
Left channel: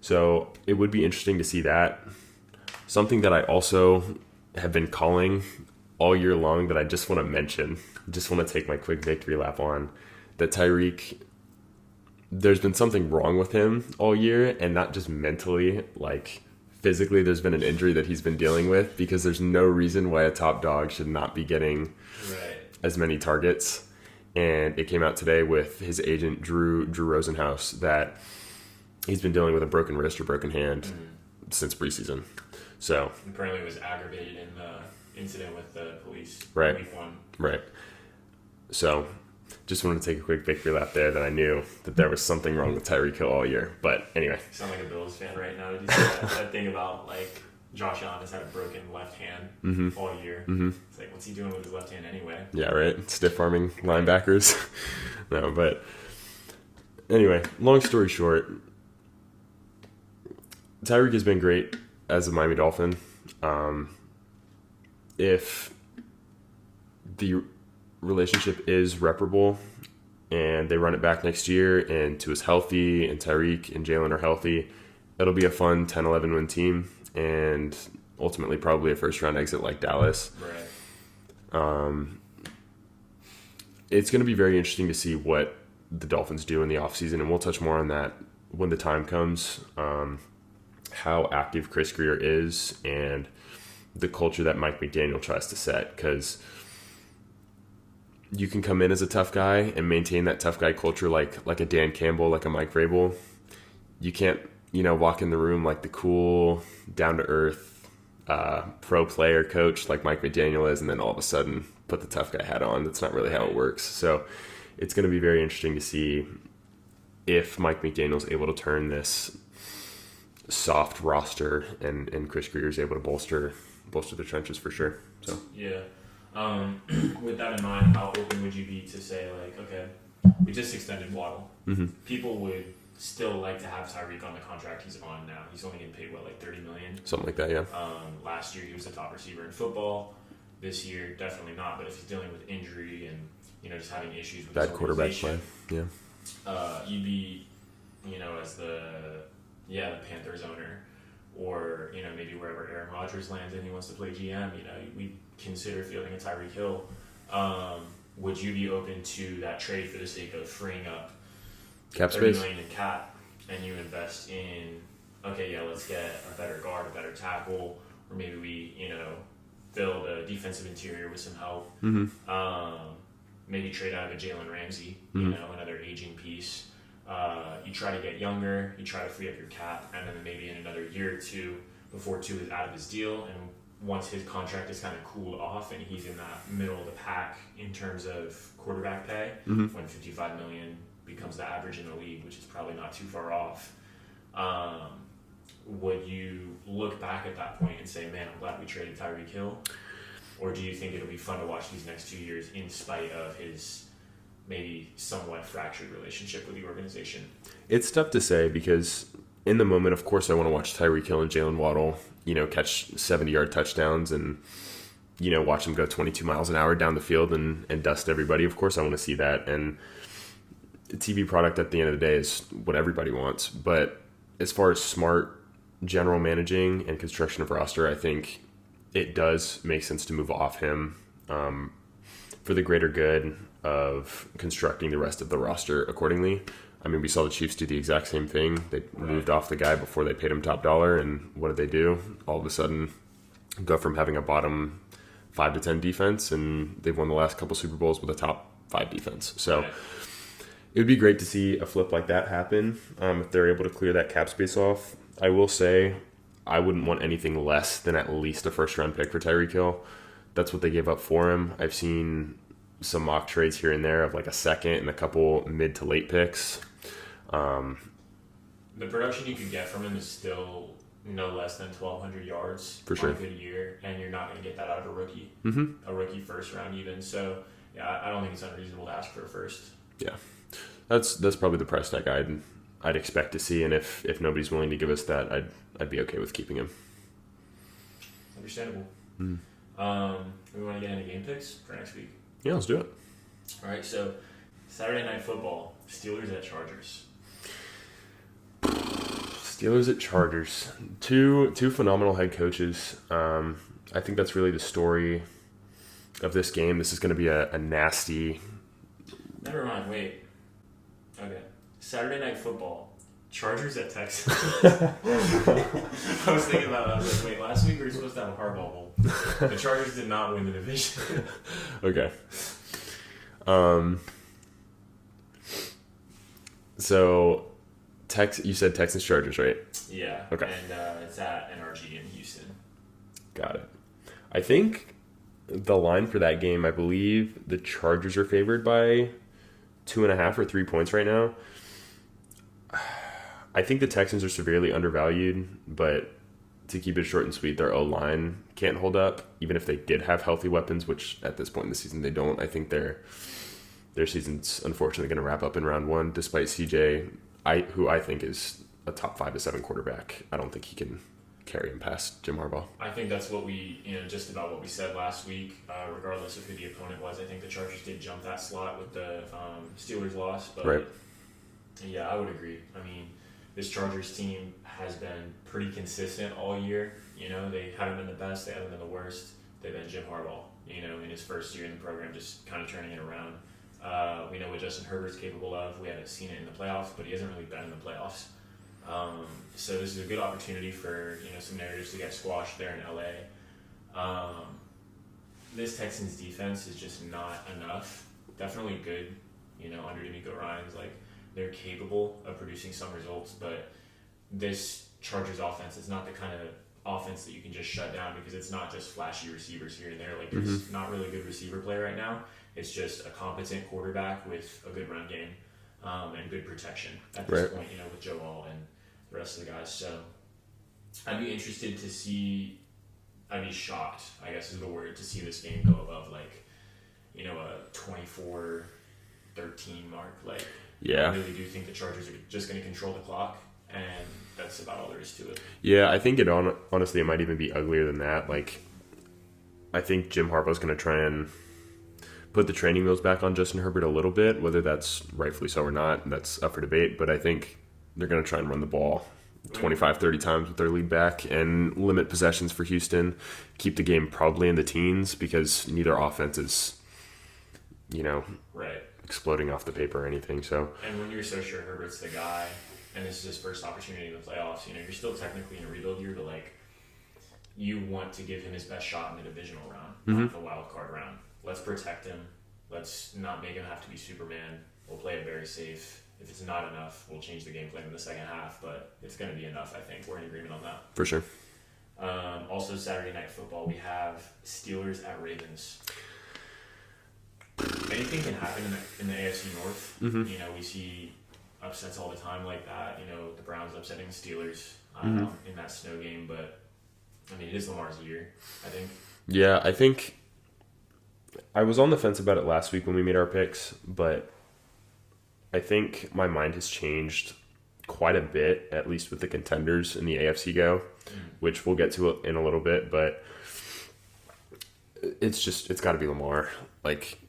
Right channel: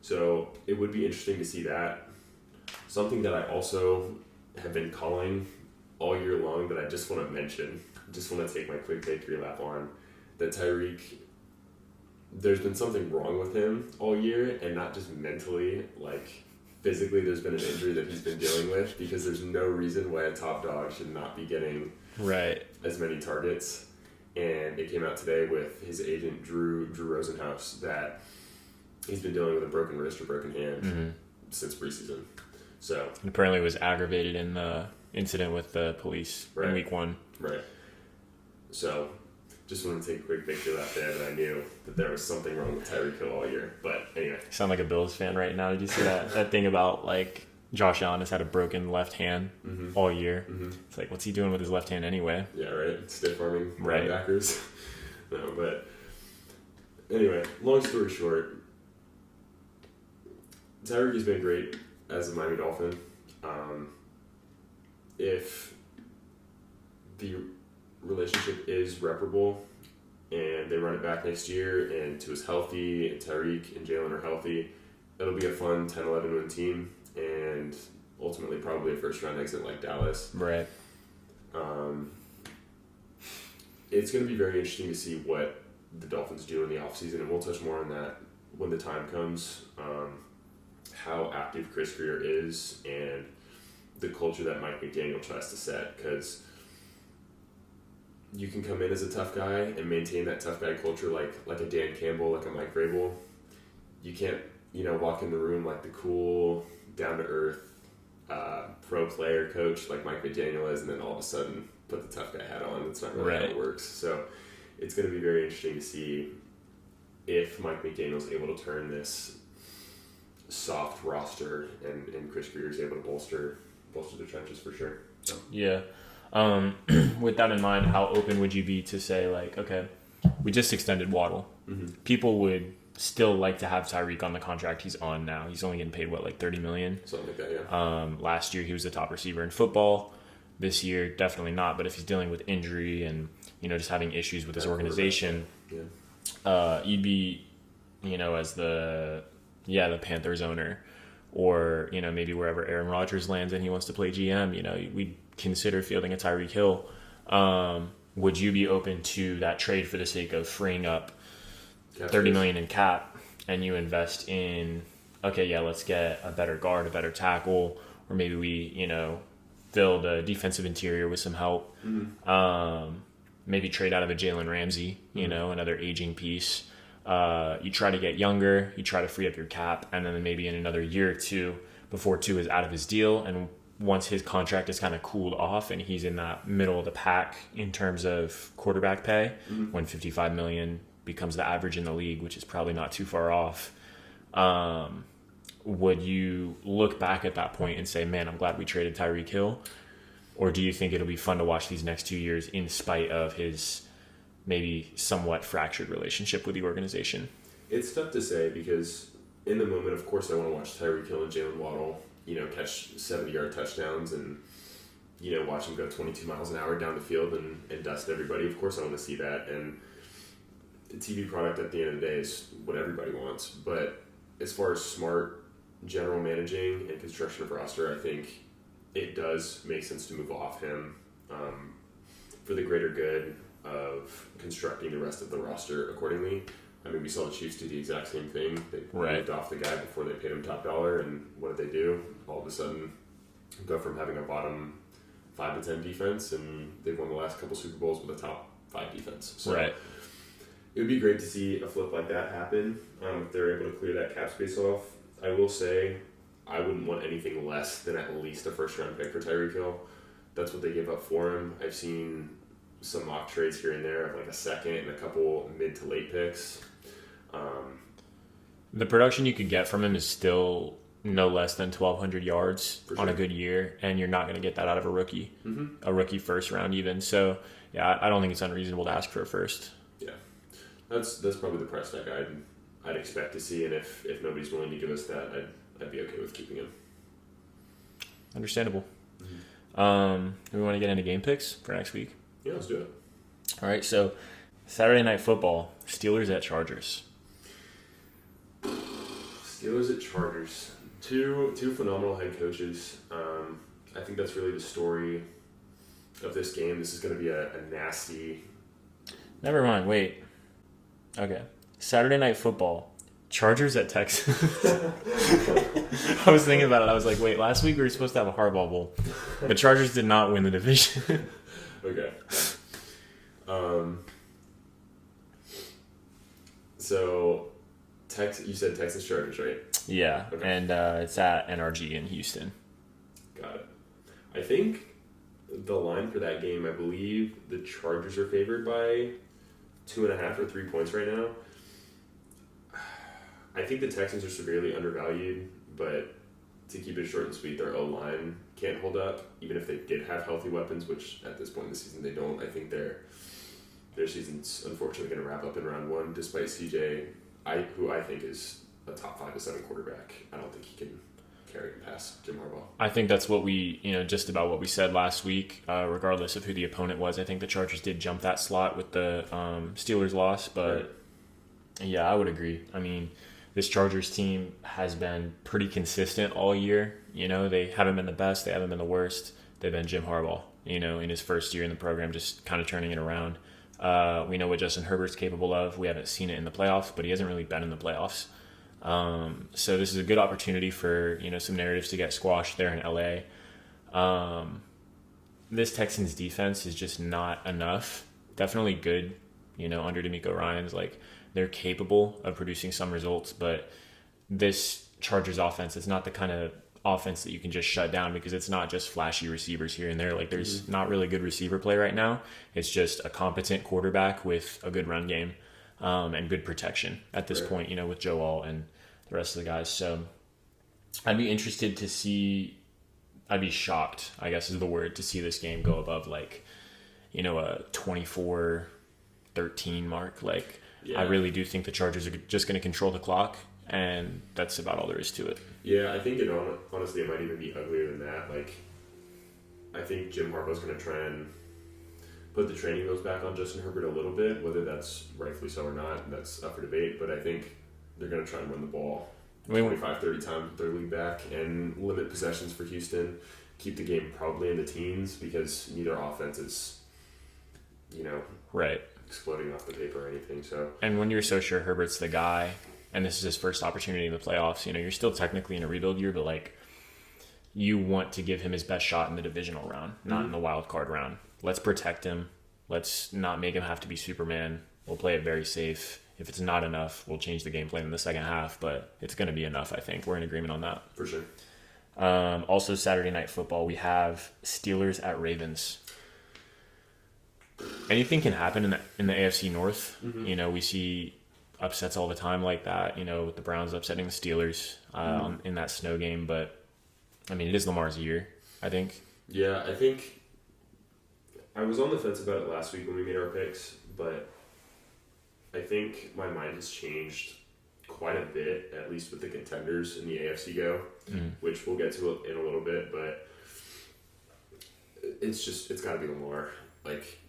So it would be interesting to see that. Something that I also have been calling all year long that I just want to mention, just want to take my quick victory lap on, that Tyreek, there's been something wrong with him all year, and not just mentally, like physically there's been an injury that he's been dealing with, because there's no reason why a top dog should not be getting as many targets. And it came out today with his agent, Drew Rosenhaus, that he's been dealing with a broken wrist or broken hand since preseason. So apparently it was aggravated in the incident with the police in week 1. Right. So just wanted to take a quick victory lap there, that I knew that there was something wrong with Tyreek Hill all year. But anyway. You sound like a Bills fan right now. Did you see that thing about, like, Josh Allen has had a broken left hand all year? Mm-hmm. It's like, what's he doing with his left hand anyway? Yeah, right. Stiff arming linebackers. No, but anyway, long story short, Tyreek has been great as a Miami Dolphin. If the relationship is reparable and they run it back next year and Tua's healthy and Tyreek and Jalen are healthy, it'll be a fun 10-11 win team, and ultimately probably a first round exit like Dallas. Right. It's going to be very interesting to see what the Dolphins do in the offseason, and we'll touch more on that when the time comes. How active Chris Greer is and the culture that Mike McDaniel tries to set, because you can come in as a tough guy and maintain that tough guy culture like a Dan Campbell, like a Mike Vrabel. You can't, walk in the room like the cool, down-to-earth pro player coach like Mike McDaniel is, and then all of a sudden put the tough guy hat on. That's not really how it works. So it's going to be very interesting to see if Mike McDaniel's able to turn this soft roster and Chris Greer is able to bolster the trenches for sure. So yeah. With that in mind, how open would you be to say, like, okay, we just extended Waddle. Mm-hmm. People would still like to have Tyreek on the contract he's on now. He's only getting paid, like $30 million? Something like that, yeah. Last year he was the top receiver in football. This year, definitely not. But if he's dealing with injury and, just having issues with his organization, you'd be, as the Panthers owner, or, maybe wherever Aaron Rodgers lands and he wants to play GM, we'd consider fielding a Tyreek Hill. Would you be open to that trade for the sake of freeing up $30 million in cap, and you invest in, let's get a better guard, a better tackle, or maybe we, fill the defensive interior with some help. Mm-hmm. Maybe trade out of a Jalen Ramsey, another aging piece. You try to get younger, you try to free up your cap, and then maybe in another year or two before Tua is out of his deal, and once his contract is kind of cooled off and he's in that middle of the pack in terms of quarterback pay, when $55 million becomes the average in the league, which is probably not too far off, would you look back at that point and say, man, I'm glad we traded Tyreek Hill? Or do you think it'll be fun to watch these next 2 years in spite of his maybe somewhat fractured relationship with the organization? It's tough to say, because in the moment, of course, I want to watch Tyreek Hill and Jalen Waddle, catch 70-yard touchdowns and, watch them go 22 miles an hour down the field and dust everybody. Of course, I want to see that. And the TV product at the end of the day is what everybody wants. But as far as smart general managing and construction of roster, I think it does make sense to move off him for the greater good of constructing the rest of the roster accordingly. I mean, we saw the Chiefs do the exact same thing. They moved off the guy before they paid him top dollar, and what did they do? All of a sudden, go from having a bottom 5 to 10 defense, and they've won the last couple Super Bowls with a top 5 defense. So It would be great to see a flip like that happen if they're able to clear that cap space off. I will say I wouldn't want anything less than at least a first-round pick for Tyreek Hill. That's what they gave up for him. I've seen some mock trades here and there of like a second and a couple mid to late picks. The production you could get from him is still no less than 1,200 yards For on a good year, and you're not going to get that out of a rookie. Mm-hmm. A rookie first round even. So, yeah, I don't think it's unreasonable to ask for a first. Yeah. That's probably the price tag I'd expect to see, and if nobody's willing to give us that, I'd be okay with keeping him. Understandable. Mm. We want to get into game picks for next week? Yeah, let's do it. All right, so Saturday Night Football, Steelers at Chargers. Steelers at Chargers. Two phenomenal head coaches. I think that's really the story of this game. This is going to be a nasty... Never mind, wait. Okay. Saturday Night Football, Chargers at Texans. I was thinking about it. I was like, wait, last week we were supposed to have a Harbaugh Bowl. The Chargers did not win the division. Okay. So, you said Texans Chargers, right? Yeah. Okay. And it's at NRG in Houston. Got it. I think the line for that game, I believe the Chargers are favored by 2.5 or 3 points right now. I think the Texans are severely undervalued, but to keep it short and sweet, their O-line can't hold up, even if they did have healthy weapons, which at this point in the season they don't. I think their season's unfortunately going to wrap up in round one, despite CJ, who I think is a top 5 to 7 quarterback. I don't think he can carry him past Jim Harbaugh. I think that's what just about what we said last week, regardless of who the opponent was. I think the Chargers did jump that slot with the Steelers loss, but right. Yeah, I would agree. I mean, this Chargers team has been pretty consistent all year. They haven't been the best. They haven't been the worst. They've been Jim Harbaugh, in his first year in the program, just kind of turning it around. We know what Justin Herbert's capable of. We haven't seen it in the playoffs, but he hasn't really been in the playoffs. So this is a good opportunity for, some narratives to get squashed there in LA. This Texans defense is just not enough. Definitely good, under D'Amico Ryans. They're capable of producing some results, but this Chargers offense is not the kind of offense that you can just shut down because it's not just flashy receivers here and there. There's not really good receiver play right now. It's just a competent quarterback with a good run game and good protection at this point, with Joe All and the rest of the guys. So I'd be interested to see, I'd be shocked, I guess is the word, to see this game go above a 24-13 mark. Yeah. I really do think the Chargers are just going to control the clock, and that's about all there is to it. Yeah, I think honestly it might even be uglier than that. I think Jim Harbaugh's going to try and put the training wheels back on Justin Herbert a little bit, whether that's rightfully so or not, that's up for debate, but I think they're going to try and run the ball 25, 30 times with their lead back and limit possessions for Houston, keep the game probably in the teens because neither offense is, right, exploding off the paper or anything. So, and when you're so sure Herbert's the guy, and this is his first opportunity in the playoffs, you're still technically in a rebuild year, but you want to give him his best shot in the divisional round, not in the wild card round. Let's protect him. Let's not make him have to be Superman. We'll play it very safe. If it's not enough, we'll change the game plan in the second half, but it's going to be enough, I think. We're in agreement on that. For sure. Also, Saturday Night Football, we have Steelers at Ravens. Anything can happen in the AFC North. We see upsets all the time like that. The Browns upsetting the Steelers in that snow game, but I mean, it is Lamar's year, I think. Yeah, I think I was on the fence about it last week when we made our picks, but I think my mind has changed quite a bit, at least with the contenders in the AFC go, which we'll get to in a little bit, but it's got to be Lamar.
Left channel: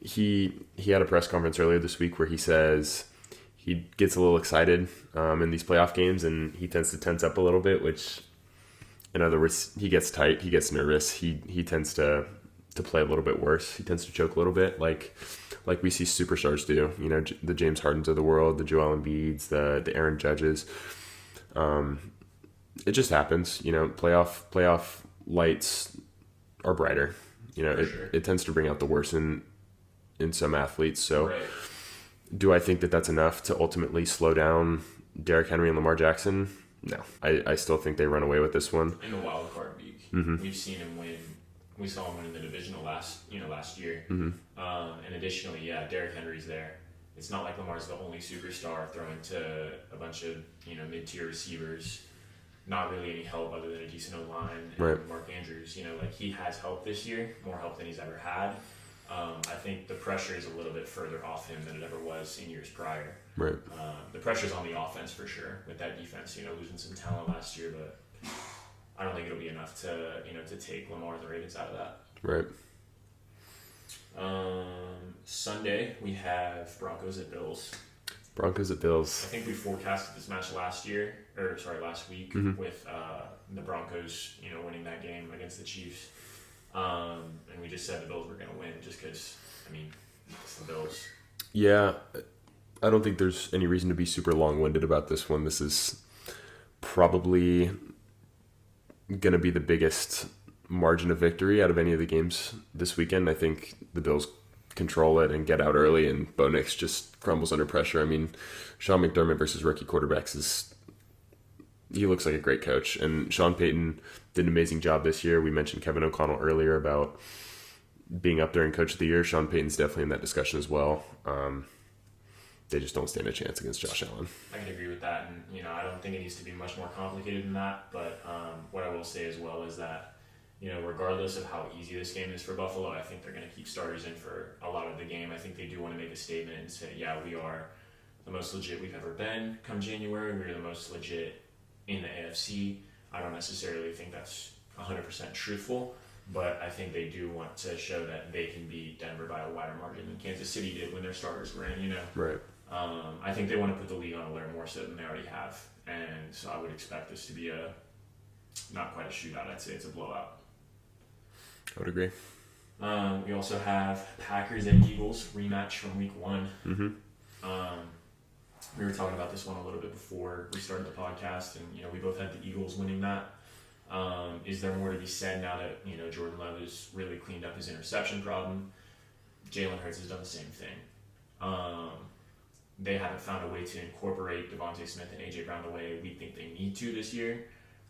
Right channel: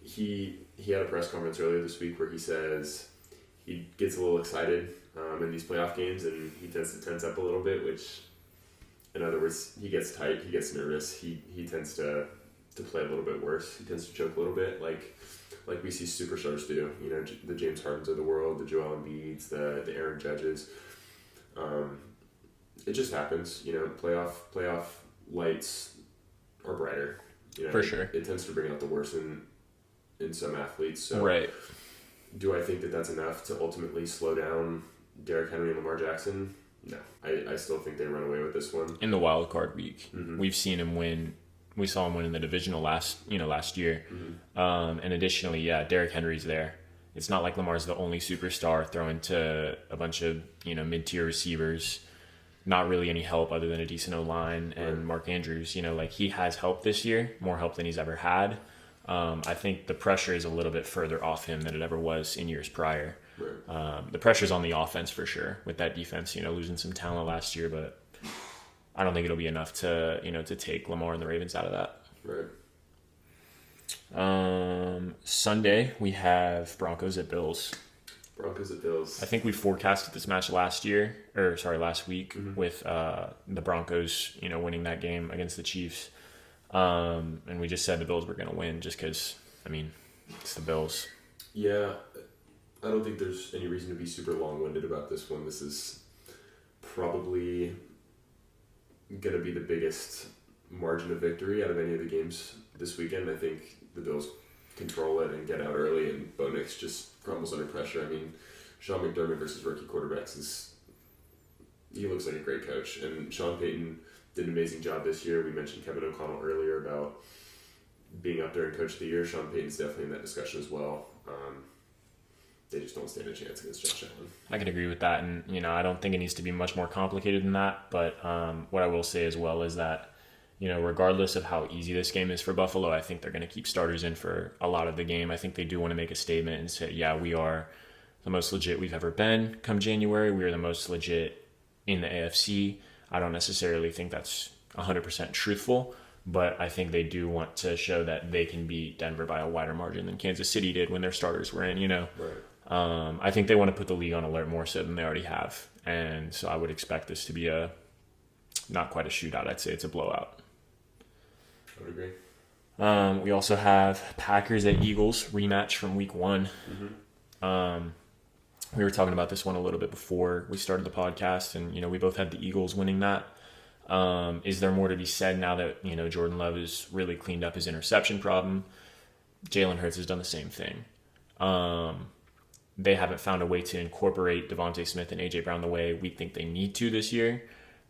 He had a press conference earlier this week where he says he gets a little excited in these playoff games and he tends to tense up a little bit, which, in other words, he gets tight, he gets nervous, he tends to play a little bit worse. He tends to choke a little bit, like we see superstars do. The James Hardens of the world, the Joel Embiids, the Aaron Judges. It just happens. Playoff lights are brighter. For sure. It tends to bring out the worst in some athletes. So right. Do I think that that's enough to ultimately slow down Derrick Henry and Lamar Jackson? No. I still think they run away with this one. In the wild card week, we've seen him win. We saw him win in the divisional last year. And additionally, Derrick Henry's there. It's not like Lamar's the only superstar throwing to a bunch of mid-tier receivers. Not really any help other than a decent O-line and Right. Mark Andrews. He has help this year, more help than he's ever had. I think the pressure is a little bit further off him than it ever was in years prior. Right. The pressure's on the offense for sure with that defense, losing some talent last year, but I don't think it'll be enough to, to take Lamar and the Ravens out of that. Right. Sunday, we have Broncos at Bills. Broncos at Bills. I think we forecasted this match last week with the Broncos, winning that game against the Chiefs. And we just said the Bills were going to win just because, it's the Bills. Yeah, I don't think there's any reason to be super long-winded about this one. This is probably going to be the biggest margin of victory out of any of the games this weekend. I think the Bills control it and get out early, and Bo Nix just crumbles under pressure. Sean McDermott versus rookie quarterbacks he looks like a great coach, and Sean Payton did an amazing job this year. We mentioned Kevin O'Connell earlier about being up there in Coach of the Year. Sean Payton's definitely in that discussion as well. They just don't stand a chance against Josh Allen. I could agree with that, and I don't think it needs to be much more complicated than that. But what I will say as well is that regardless of how easy this game is for Buffalo, I think they're going to keep starters in for a lot of the game. I think they do want to make a statement and say, we are the most legit we've ever been come January. We are the most legit in the AFC. I don't necessarily think that's 100% truthful, but I think they do want to show that they can beat Denver by a wider margin than Kansas City did when their starters were in, Right. I think they want to put the league on alert more so than they already have. And so I would expect this to be not quite a shootout. I'd say it's a blowout. I would agree. We also have Packers at Eagles rematch from week 1. We were talking about this one a little bit before we started the podcast, and we both had the Eagles winning that. Is there more to be said now that Jordan Love has really cleaned up his interception problem? Jalen Hurts has done the same thing. They haven't found a way to incorporate Devontae Smith and AJ Brown the way we think they need to this year.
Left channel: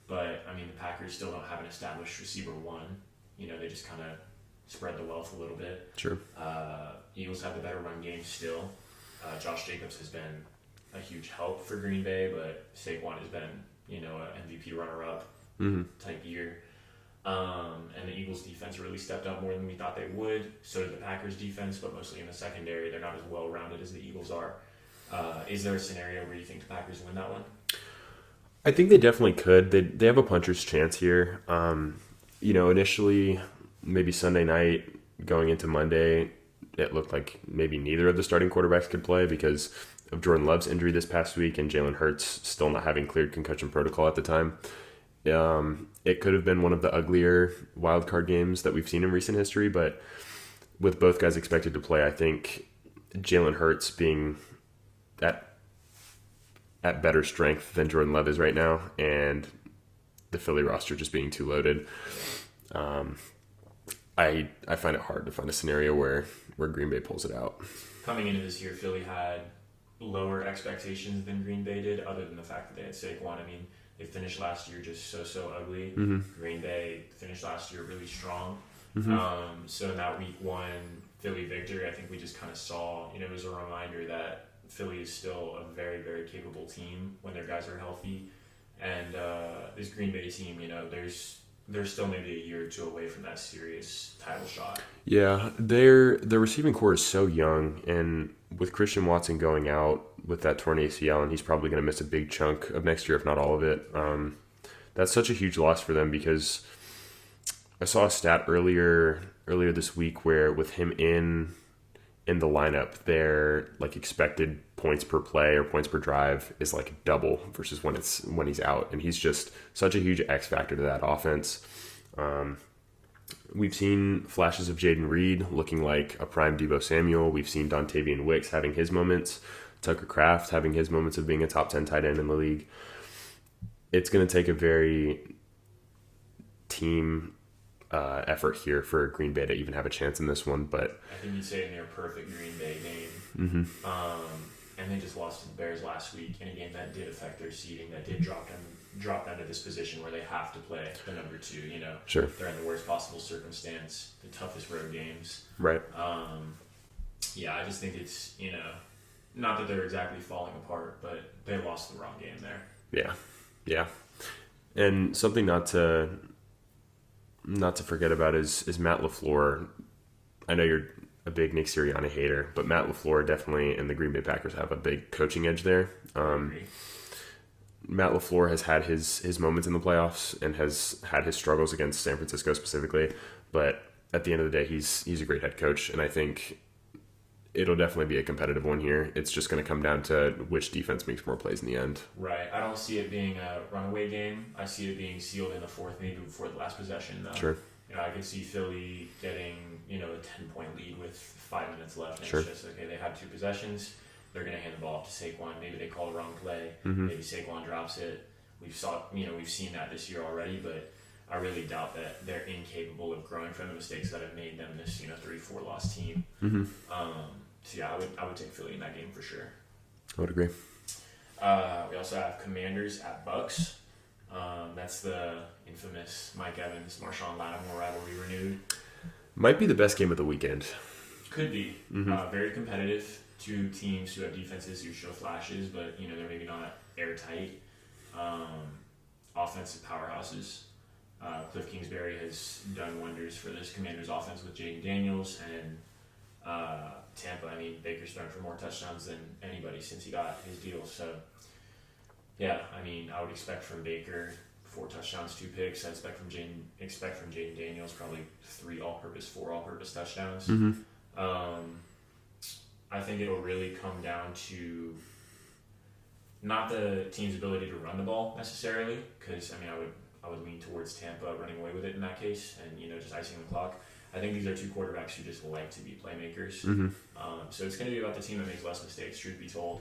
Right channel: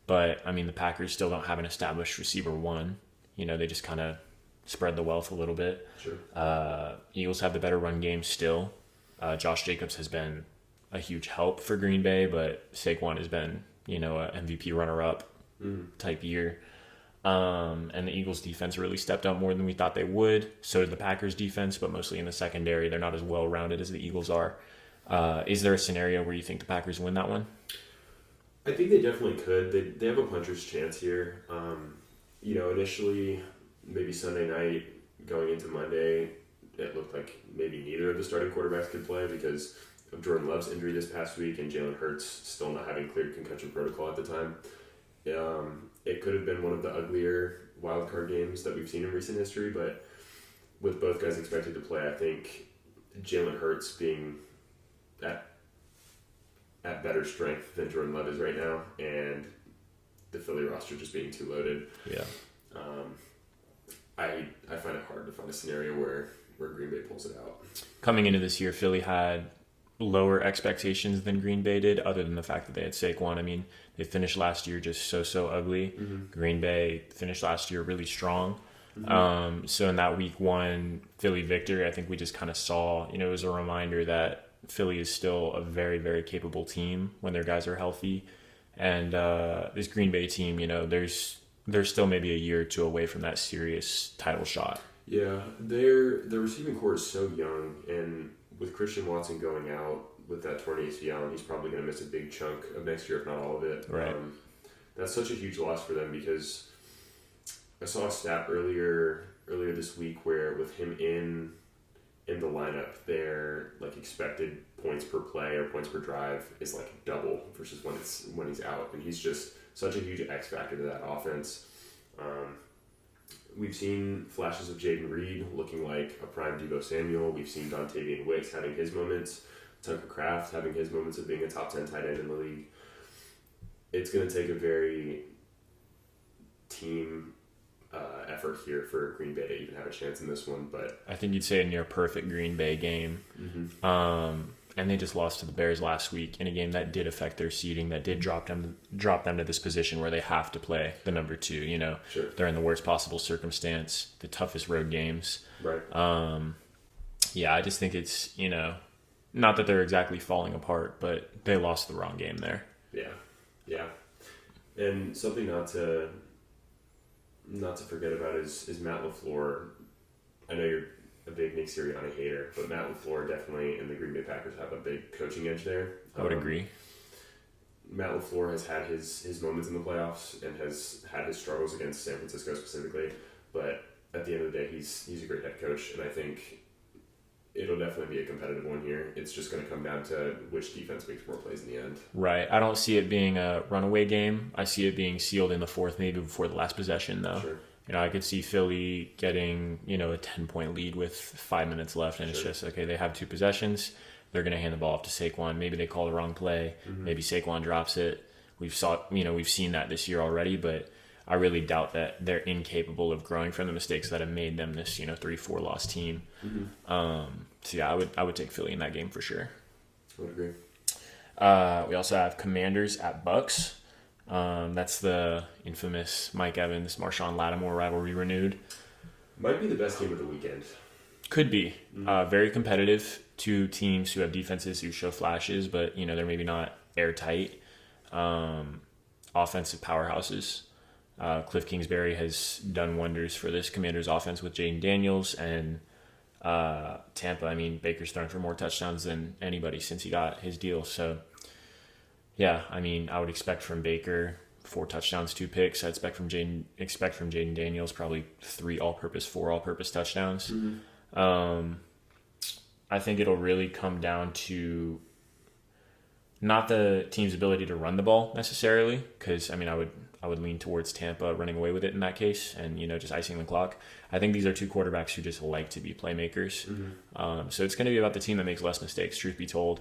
But the Packers still don't have an established receiver one. They just kind of spread the wealth a little bit. Sure. Eagles have the better run game still. Josh Jacobs has been a huge help for Green Bay, but Saquon has been, a MVP runner-up type year. And the Eagles defense really stepped up more than we thought they would. So did the Packers defense, but mostly in the secondary. They're not as well-rounded as the Eagles are. Is there a scenario where you think the Packers win that one? I think they definitely could. They have a puncher's chance here. Initially, maybe Sunday night going into Monday, it looked like maybe neither of the starting quarterbacks could play because of Jordan Love's injury this past week and Jalen Hurts still not having cleared concussion protocol at the time. It could have been one of the uglier wildcard games that we've seen in recent history, but with both guys expected to play, I think Jalen Hurts being at better strength than Jordan Love is right now, and the Philly roster just being too loaded. Yeah. I find it hard to find a scenario where Green Bay pulls it out. Coming into this year, Philly had lower expectations than Green Bay did, other than the fact that they had Saquon. They finished last year just so ugly. Green Bay finished last year really strong. So in that week 1 Philly victory, I think we just kind of saw, it was a reminder that Philly is still a very, very capable team when their guys are healthy. And this Green Bay team, they're still maybe a year or two away from that serious title shot. Yeah, their receiving core is so young, and with Christian Watson going out with that torn ACL, and he's probably going to miss a big chunk of next year, if not all of it. Right. That's such a huge loss for them because I saw a stat earlier this week where with him in the lineup, their expected points per play or points per drive is double versus when he's out, and he's just such a huge X factor to that offense. We've seen flashes of Jaden Reed looking like a prime Deebo Samuel. We've seen Dontavian Wicks having his moments, Tucker Kraft having his moments of being a top 10 tight end in the league. It's going to take a very team effort here for Green Bay to even have a chance in this one. But I think you'd say a near perfect Green Bay game. And they just lost to the Bears last week in a game that did affect their seeding, that did drop them to this position where they have to play the number 2. You know, sure, they're in the worst possible circumstance, the toughest road games. Right. Yeah, I just think it's, you know, not that they're exactly falling apart, but they lost the wrong game there. Yeah. And something not to forget about is Matt LaFleur. I know you're a big Nick Sirianni hater, but Matt LaFleur definitely and the Green Bay Packers have a big coaching edge there. I would agree. Matt LaFleur has had his moments in the playoffs and has had his struggles against San Francisco specifically, but at the end of the day, he's a great head coach, and I think it'll definitely be a competitive one here. It's just going to come down to which defense makes more plays in the end. Right. I don't see it being a runaway game. I see it being sealed in the fourth, maybe before the last possession, though. Sure. You know, I could see Philly getting, you know, a 10-point lead with 5 minutes left, and Sure. It's just, okay, they have 2 possessions. They're going to hand the ball off to Saquon. Maybe they call the wrong play. Maybe Saquon drops it. We've seen that this year already, but I really doubt that they're incapable of growing from the mistakes that have made them this, 3-4 loss team. So yeah, I would take Philly in that game for sure. I would agree. We also have Commanders at Bucks. That's the infamous Mike Evans, Marshawn Lattimore rivalry renewed. Might be the best game of the weekend. Could be. Very competitive. 2 teams who have defenses who show flashes, but they're maybe not airtight. Offensive powerhouses. Cliff Kingsbury has done wonders for this Commanders offense with Jaden Daniels, and Tampa. I mean, Baker's thrown for more touchdowns than anybody since he got his deal. So, yeah, I mean, I would expect from Baker 4 touchdowns, 2 picks. I expect from Jaden Daniels probably 4 all-purpose touchdowns. I think it'll really come down to not the team's ability to run the ball necessarily, because I mean, I would lean towards Tampa running away with it in that case, and just icing the clock. I think these are 2 quarterbacks who just like to be playmakers. So it's going to be about the team that makes less mistakes, truth be told.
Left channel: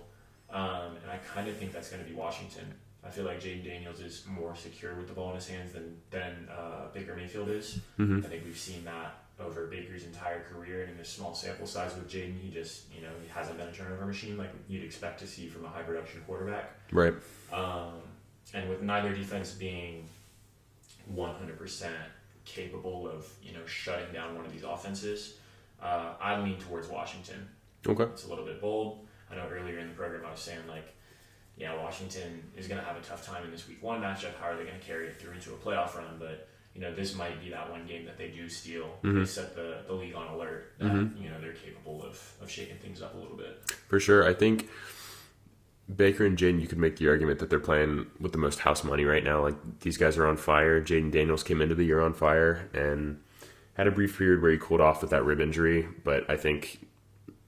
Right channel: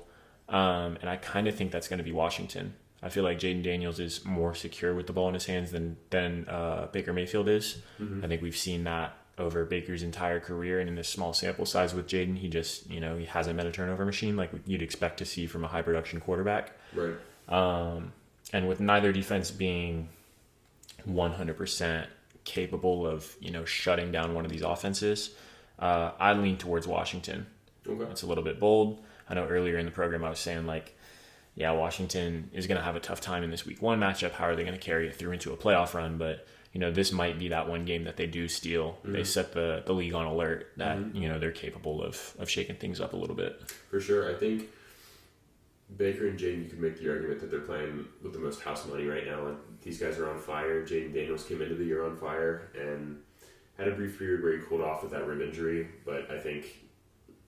And I kind of think that's going to be Washington. I feel like Jaden Daniels is more secure with the ball in his hands than Baker Mayfield is. I think we've seen that over Baker's entire career, and in this small sample size with Jaden, he just, he hasn't been a turnover machine like you'd expect to see from a high production quarterback. Right. And with neither defense being 100% capable of, shutting down one of these offenses, I lean towards Washington. Okay. It's a little bit bold. I know earlier in the program I was saying, Washington is going to have a tough time in this week 1 matchup. How are they going to carry it through into a playoff run? But, this might be that one game that they do steal. They set the league on alert that, they're capable of shaking things up a little bit. For sure. I think Baker and Jaden, you could make the argument that they're playing with the most house money right now. Like, these guys are on fire. Jaden Daniels came into the year on fire and had a brief period where he cooled off with that rib injury. But I think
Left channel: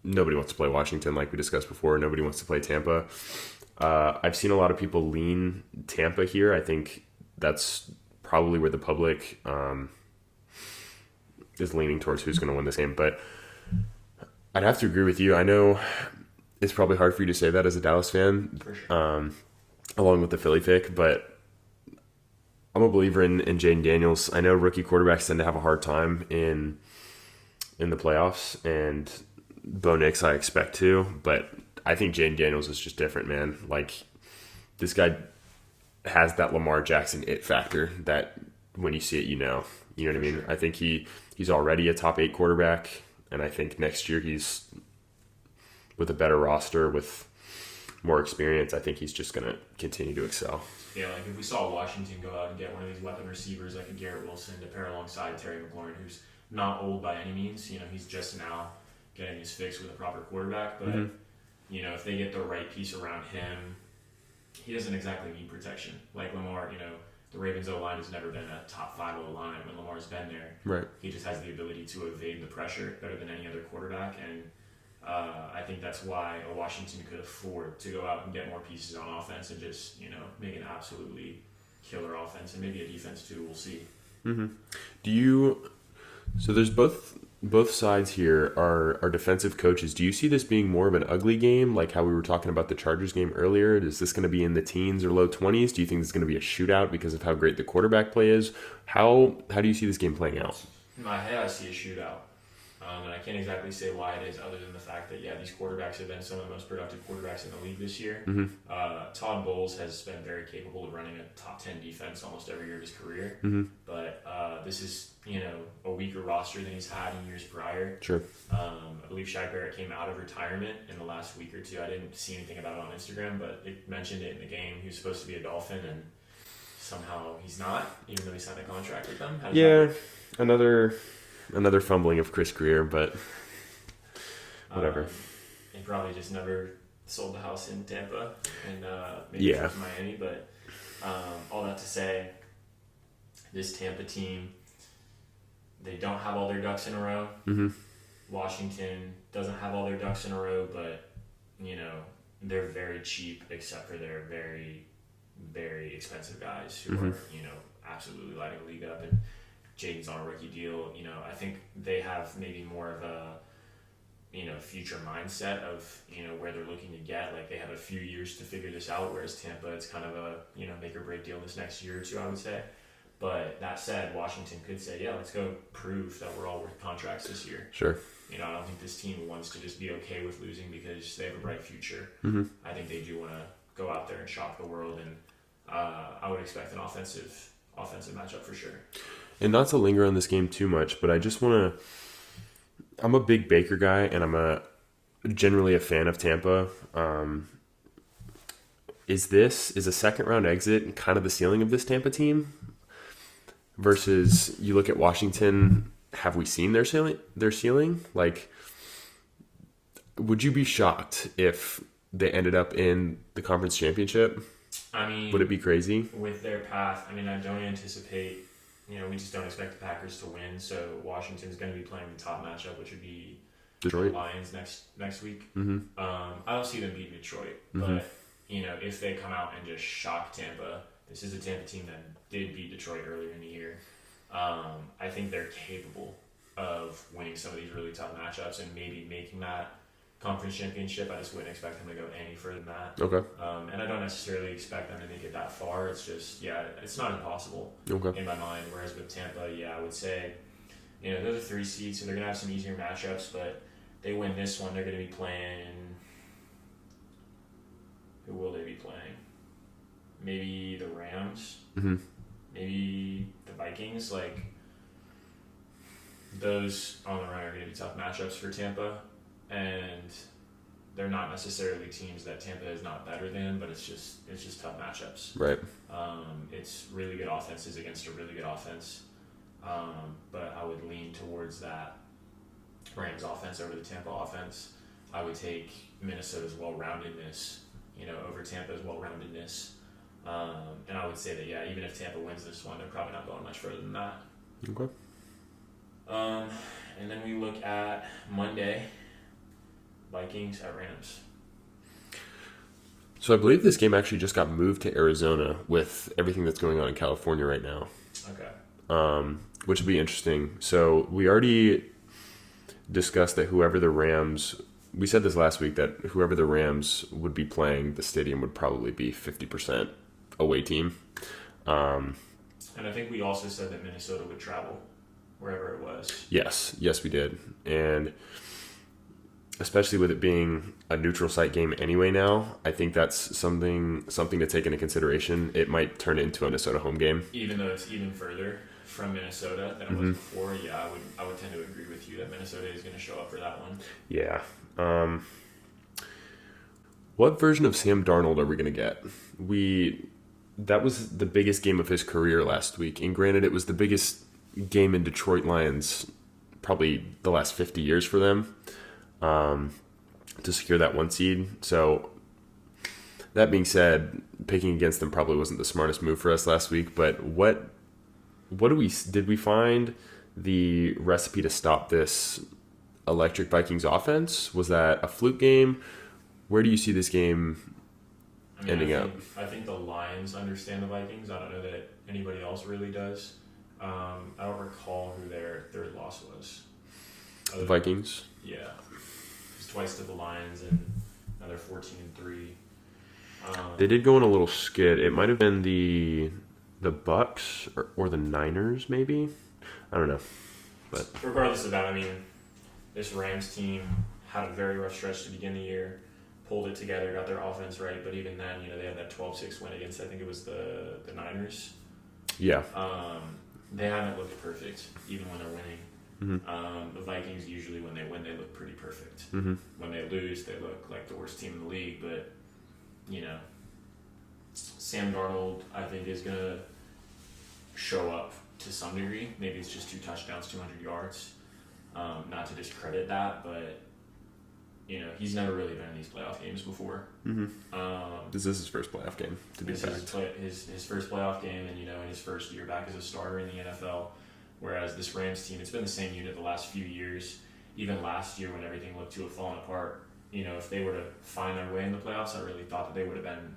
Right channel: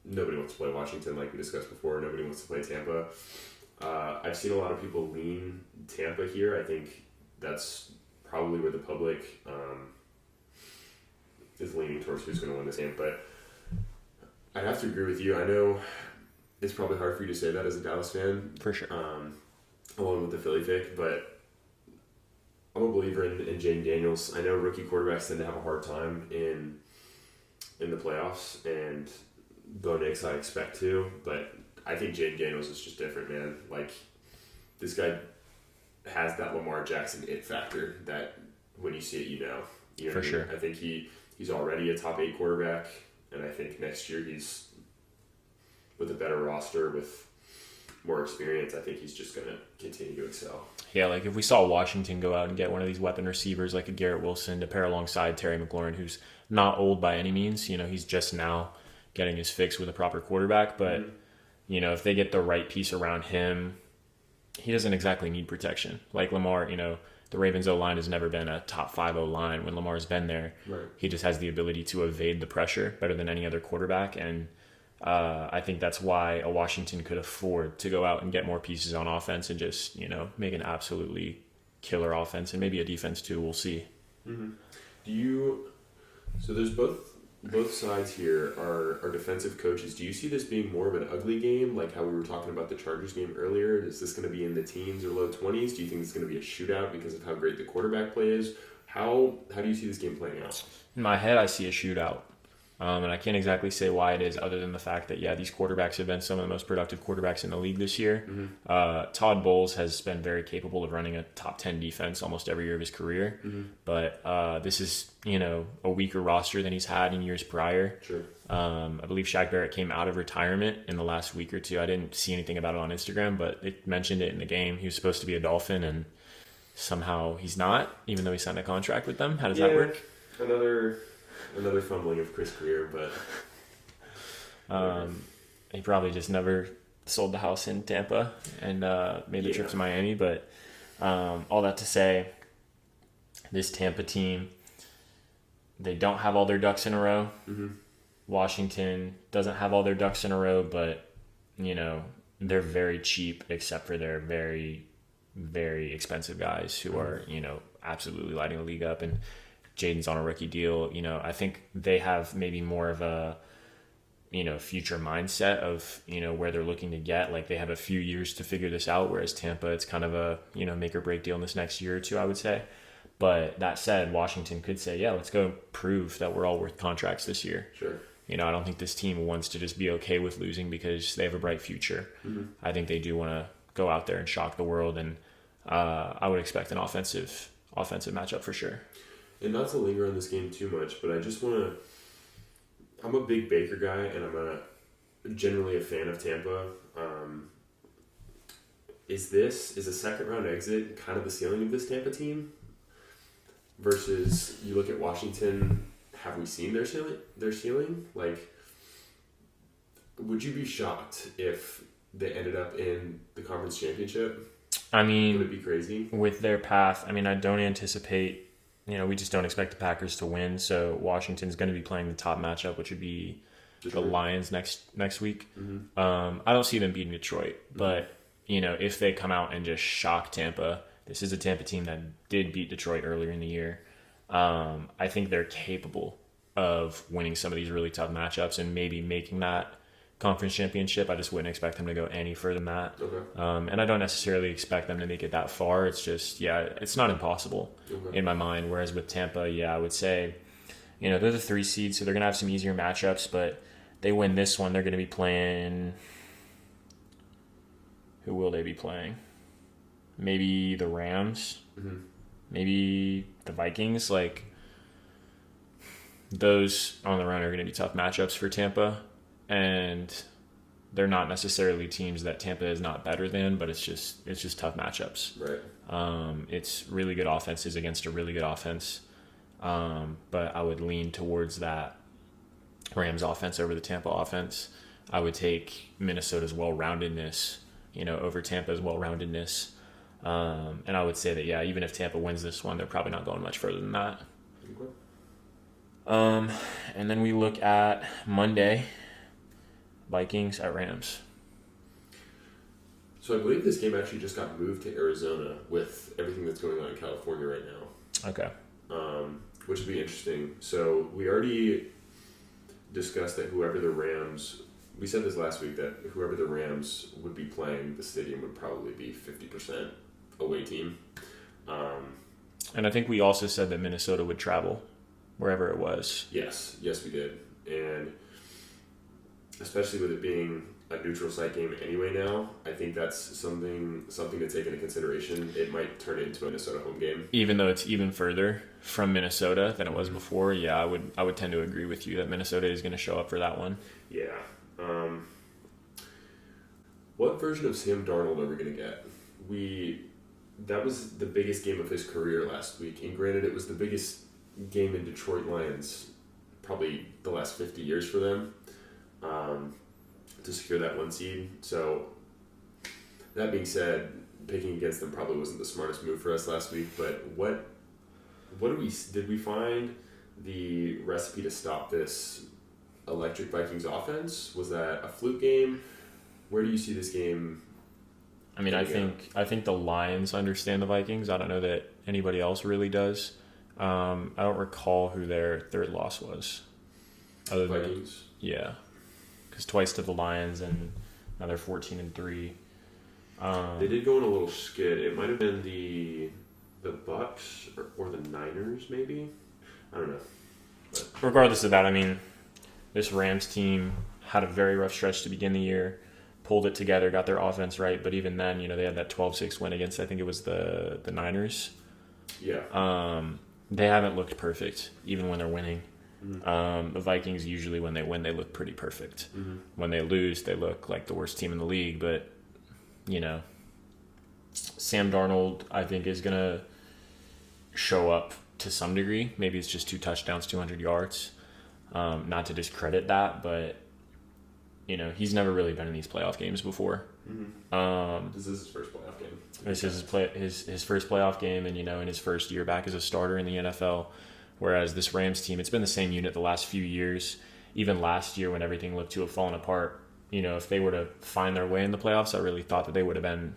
nobody wants to play Washington, like we discussed before. Nobody wants to play Tampa. I've seen a lot of people lean Tampa here. I think that's probably where the public is leaning towards who's going to win this game. But I'd have to agree with you. I know it's probably hard for you to say that as a Dallas fan. For sure. Along with the Philly pick, but I'm a believer in Jaden Daniels. I know rookie quarterbacks tend to have a hard time in the playoffs, and Bo Nix I expect to, but I think Jaden Daniels is just different, man. Like, this guy has that Lamar Jackson it factor that when you see it, you know what I mean? Sure. I think he's already a top 8 quarterback, and I think next year he's with a better roster, with more experience, I think he's just going to continue to excel. Yeah, like if we saw Washington go out and get one of these weapon receivers like a Garrett Wilson to pair alongside Terry McLaurin, who's not old by any means, he's just now getting his fix with a proper quarterback, but if they get the right piece around him, he doesn't exactly need protection. Like Lamar, the Ravens O-line has never been a top 5 O-line. When Lamar's been there, right, he just has the ability to evade the pressure better than any other quarterback, and I think that's why a Washington could afford to go out and get more pieces on offense and just, make an absolutely killer offense, and maybe a defense too. We'll see. So there's both both sides here are defensive coaches. Do you see this being more of an ugly game, like how we were talking about the Chargers game earlier? Is this going to be in the teens or low 20s? Do you think this is going to be a shootout because of how great the quarterback play is? How do you see this game playing out? In my head, I see a shootout. And I can't exactly say why it is, other than the fact that, these quarterbacks have been some of the most productive quarterbacks in the league this year. Mm-hmm. Todd Bowles has been very capable of running a top 10 defense almost every year of his career. Mm-hmm. But this is, a weaker roster than he's had in years prior. Sure. I believe Shaq Barrett came out of retirement in the last week or two. I didn't see anything about it on Instagram, but it mentioned it in the game. He was supposed to be a Dolphin, and somehow he's not, even though he signed a contract with them. How does that work? Another fumbling of Chris Greer, but whatever. He probably just never sold the house in Tampa and made the trip to Miami. But all that to say, this Tampa team, they don't have all their ducks in a row. Mm-hmm. Washington doesn't have all their ducks in a row, but, they're very cheap except for their very, very expensive guys who are, absolutely lighting the league up. And Jaden's on a rookie deal. I think they have maybe more of a, future mindset of, where they're looking to get. Like, they have a few years to figure this out, whereas Tampa, it's kind of a, make or break deal in this next year or two, I would say. But that said, Washington could say, let's go prove that we're all worth contracts this year. Sure. I don't think this team wants to just be okay with losing because they have a bright future. Mm-hmm. I think they do want to go out there and shock the world, and I would expect an offensive matchup for sure. And not to linger on this game too much, but I just want to... I'm a big Baker guy, and I'm generally a fan of Tampa. Is a second-round exit kind of the ceiling of this Tampa team? Versus, you look at Washington, have we seen their ceiling? Like, would you be shocked if they ended up in the conference championship? I mean... Would it be crazy? With their path, I don't anticipate... we just don't expect the Packers to win. So Washington's going to be playing the top matchup, which would be Detroit. The Lions next week. Mm-hmm. I don't see them beating Detroit, but if they come out and just shock Tampa, this is a Tampa team that did beat Detroit earlier in the year. I think they're capable of winning some of these really tough matchups and maybe making that conference championship. I just wouldn't expect them to go any further than that. Okay. And I don't necessarily expect them to make it that far. It's just, it's not impossible in my mind. Whereas with Tampa, I would say, they're the 3 seed, so they're going to have some easier matchups, but they win this one, they're going to be playing... Who will they be playing? Maybe the Rams. Mm-hmm. Maybe the Vikings. Like, those on the run are going to be tough matchups for Tampa. And they're not necessarily teams that Tampa is not better than, but it's just tough matchups. Right. It's really good offenses against a really good offense. But I would lean towards that Rams offense over the Tampa offense. I would take Minnesota's well-roundedness, over Tampa's well-roundedness. And I would say that, even if Tampa wins this one, they're probably not going much further than that. Okay. And then we look at Monday. Vikings at Rams. So I believe this game actually just got moved to Arizona with everything that's going on in California right now. Okay. Which would be interesting. So we already discussed that we said this last week, that whoever the Rams would be playing, the stadium would probably be 50% away team. And I think we also said that Minnesota would travel wherever it was. Yes, we did. And especially with it being a neutral site game anyway now, I think that's something to take into consideration. It might turn into a Minnesota home game. Even though it's even further from Minnesota than it was before, I would tend to agree with you that Minnesota is going to show up for that one. Yeah. What version of Sam Darnold are we going to get? That was the biggest game of his career last week. And granted, it was the biggest game in Detroit Lions probably the last 50 years for them. To secure that 1 seed. So that being said, picking against them probably wasn't the smartest move for us last week, but what did we find the recipe to stop this electric Vikings offense? Was that a fluke game? Where do you see this game ending up? I think the Lions understand the Vikings. I don't know that anybody else really does. I don't recall who their third loss was. Vikings. Yeah, because twice to the Lions and now they're 14-3. They did go on a little skid. It might have been the Bucks or the Niners, maybe. I don't know. But regardless of that, I mean, this Rams team had a very rough stretch to begin the year, pulled it together, got their offense right, but even then, they had that 12-6 win against, I think it was the Niners. Yeah. They haven't looked perfect, even when they're winning. Mm-hmm. The Vikings, usually when they win, they look pretty perfect. Mm-hmm. When they lose, they look like the worst team in the league, but, Sam Darnold, I think, is going to show up to some degree. Maybe it's just 2 touchdowns, 200 yards. Not to discredit that, but he's never really been in these playoff games before. Mm-hmm. This is his first playoff game. This is his first playoff game, and in his first year back as a starter in the NFL. Whereas this Rams team, it's been the same unit the last few years. Even last year, when everything looked to have fallen apart, if they were to find their way in the playoffs, I really thought that they would have been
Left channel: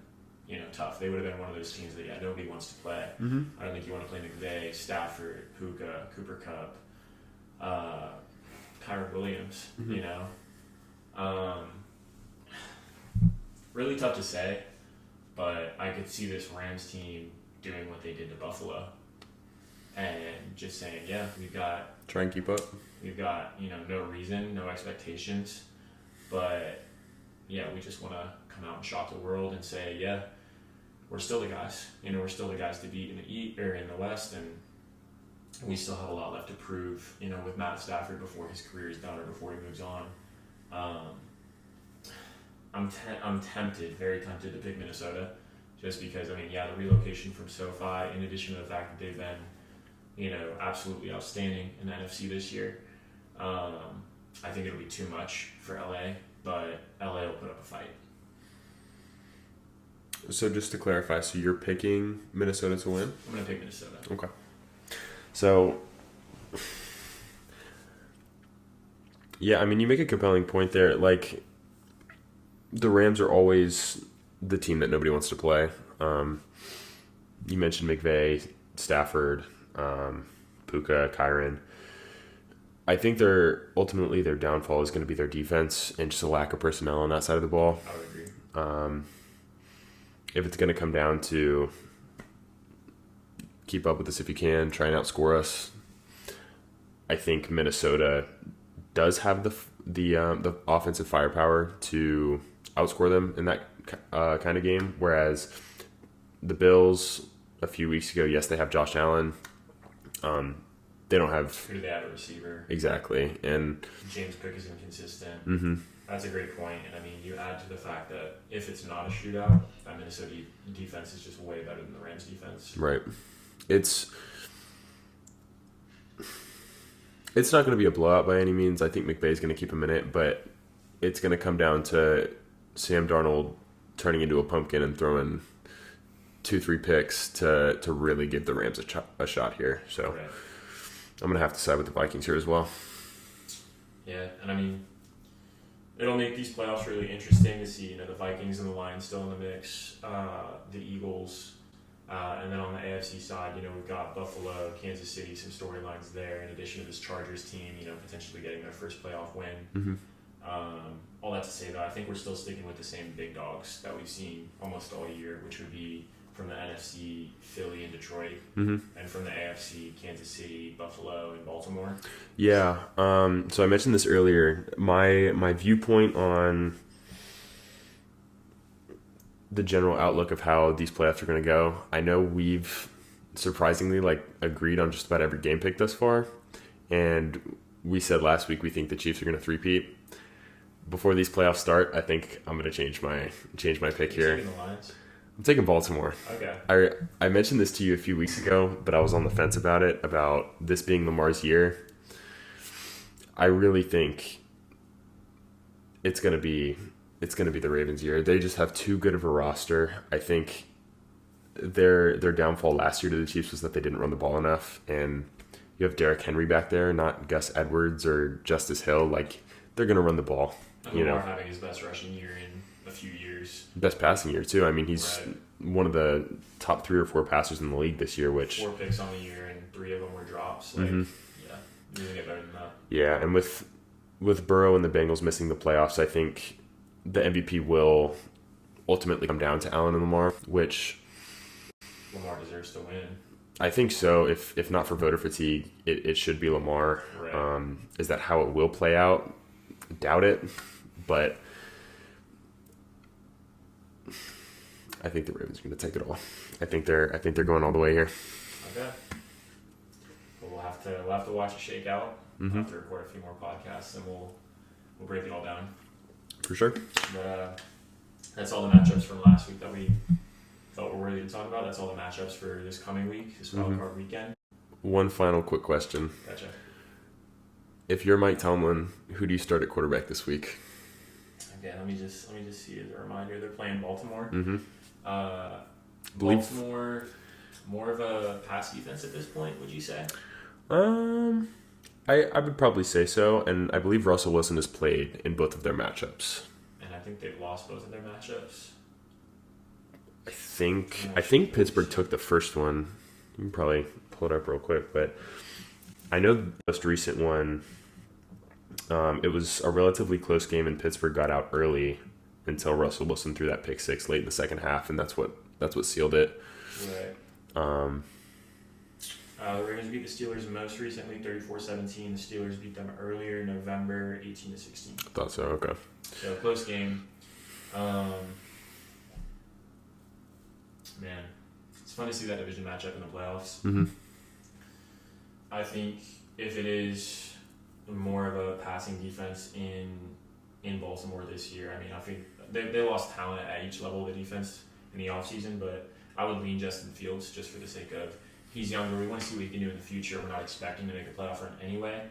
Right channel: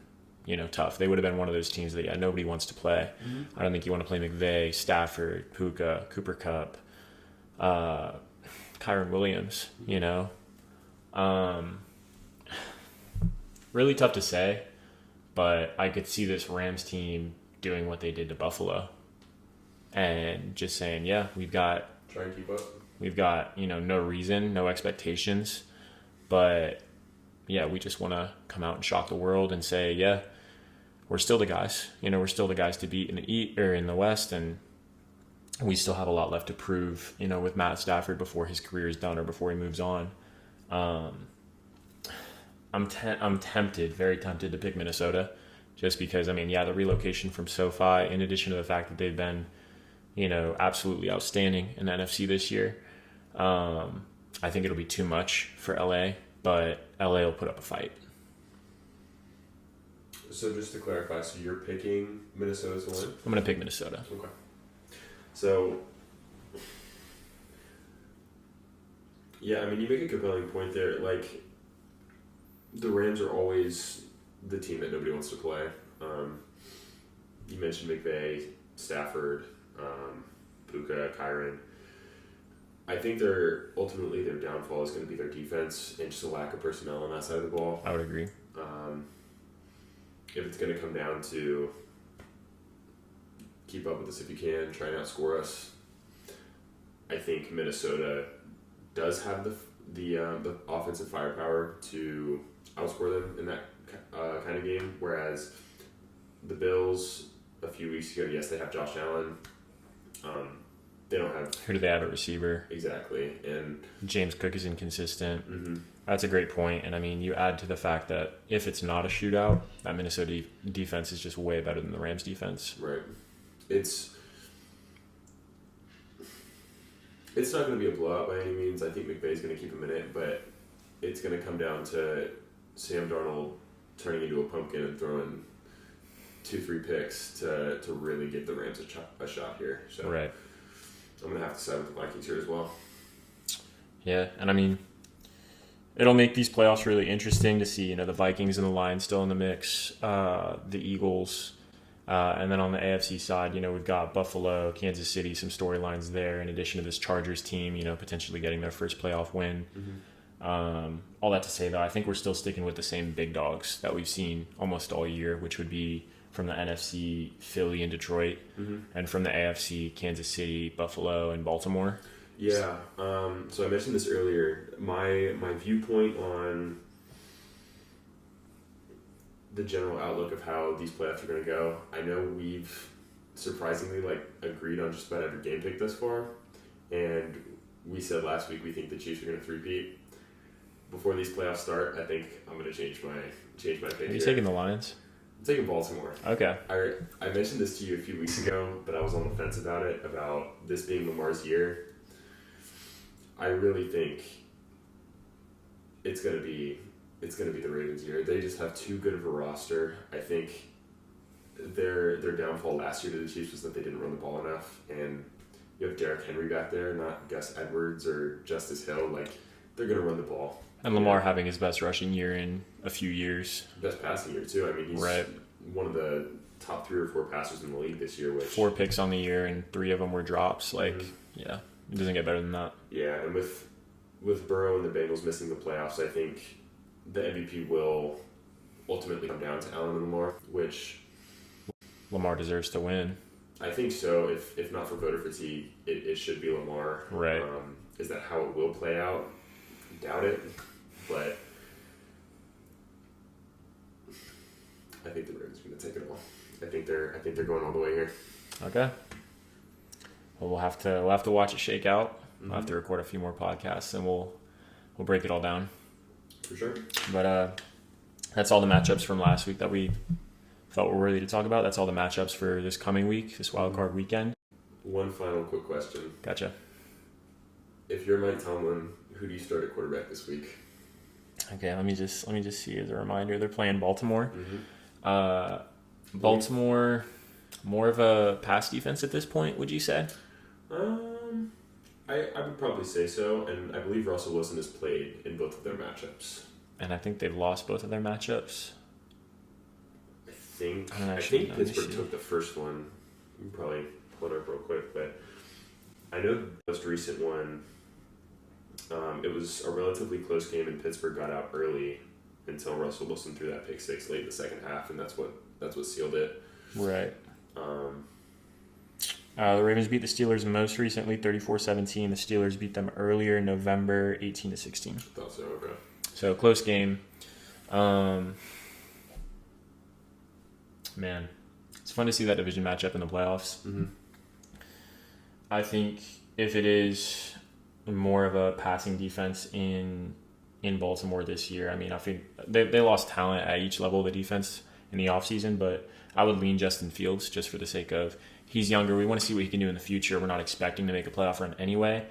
tough. They would have been one of those teams that nobody wants to play. Mm-hmm. I don't think you want to play McVay, Stafford, Puka, Cooper Kupp, Kyron Williams. Mm-hmm. Really tough to say, but I could see this Rams team doing what they did to Buffalo and just saying, yeah, we've got try and keep up. We've got no reason, no expectations, but yeah, we just want to come out and shock the world and say, yeah, we're still the guys. We're still the guys to beat in the West, and we still have a lot left to prove. With Matt Stafford before his career is done or before he moves on. I'm tempted, very tempted to pick Minnesota, just because the relocation from SoFi, in addition to the fact that they've been, absolutely outstanding in the NFC this year. I think it'll be too much for LA, but LA will put up a fight. So just to clarify, so you're picking Minnesota to win? I'm going to pick Minnesota. Okay. So, yeah, you make a compelling point there. Like, the Rams are always the team that nobody wants to play. You mentioned McVay, Stafford, Puka, Kyron. I think their downfall is going to be their defense and just a lack of personnel on that side of the ball. I would agree. If it's going to come down to keep up with us if you can, try and outscore us, I think Minnesota does have the offensive firepower to outscore them in that kind of game. Whereas the Bills a few weeks ago, yes, they have Josh Allen. They don't have. Who do they have at receiver? Exactly, and James Cook is inconsistent. Mm-hmm. That's a great point, and you add to the fact that if it's not a shootout, that Minnesota defense is just way better than the Rams defense. Right. It's not going to be a blowout by any means. I think McVay's going to keep him in it, but it's going to come down to Sam Darnold turning into a pumpkin and throwing 2-3 picks to really give the Rams a shot here. So right. I'm going to have to side with the Vikings here as well. Yeah, and it'll make these playoffs really interesting to see, the Vikings and the Lions still in the mix, the Eagles, and then on the AFC side, we've got Buffalo, Kansas City, some storylines there, in addition to this Chargers team, potentially getting their first playoff win. Mm-hmm. All that to say, though, I think we're still sticking with the same big dogs that we've seen almost all year, which would be from the NFC, Philly and Detroit, mm-hmm. and from the AFC, Kansas City, Buffalo, and Baltimore. Yeah. So I mentioned this earlier. My viewpoint on the general outlook of how these playoffs are going to go. I know we've surprisingly agreed on just about every game pick thus far, and we said last week we think the Chiefs are going to three-peat. Before these playoffs start, I think I'm going to change my pick here. Are you taking the Lions? I'm taking Baltimore. Okay. I mentioned this to you a few weeks ago, but I was on the fence about it, about this being Lamar's year. I really think it's going to be the Ravens' year. They just have too good of a roster. I think their downfall last year to the Chiefs was that they didn't run the ball enough, and you have Derrick Henry back there, not Gus Edwards or Justice Hill. They're going to run the ball. And Lamar having his best rushing year in a few years. Best passing year, too. He's right. One of the top 3 or 4 passers in the league this year. 4 picks on the year, and 3 of them were drops. Mm-hmm. Yeah, it doesn't get better than that. Yeah, and with with Burrow and the Bengals missing the playoffs, I think the MVP will ultimately come down to Allen and Lamar, which Lamar deserves to win. I think so. If not for voter fatigue, it should be Lamar. Right. Is that how it will play out? Doubt it, but I think the Ravens are going to take it all. I think they're going all the way here. Okay. Well, we'll have to watch it shake out. We'll have to record a few more podcasts, and we'll break it all down. For sure. But that's all the matchups from last week that we felt were worthy to talk about. That's all the matchups for this coming week, this Wildcard Weekend. One final quick question. Gotcha. If you're Mike Tomlin, who do you start at quarterback this week? Okay, let me just see as a reminder. They're playing Baltimore. Mm-hmm. Baltimore, more of a pass defense at this point, would you say? I would probably say so, and I believe Russell Wilson has played in both of their matchups. And I think they've lost both of their matchups. I think Pittsburgh took the first one. You can probably pull it up real quick, but I know the most recent one, it was a relatively close game, and Pittsburgh got out early until Russell Wilson threw that pick six late in the second half, and that's what sealed it. Right. The Ravens beat the Steelers most recently, 34-17. The Steelers beat them earlier in November, 18-16. Thought so. Okay. So close game. Man, it's fun to see that division matchup in the playoffs. Mm-hmm. I think if it is more of a passing defense in Baltimore this year, I mean, I think they lost talent at each level of the defense in the offseason, but I would lean Justin Fields just for the sake of he's younger. We want to see what he can do in the future. We're not expecting to make a playoff run anyway,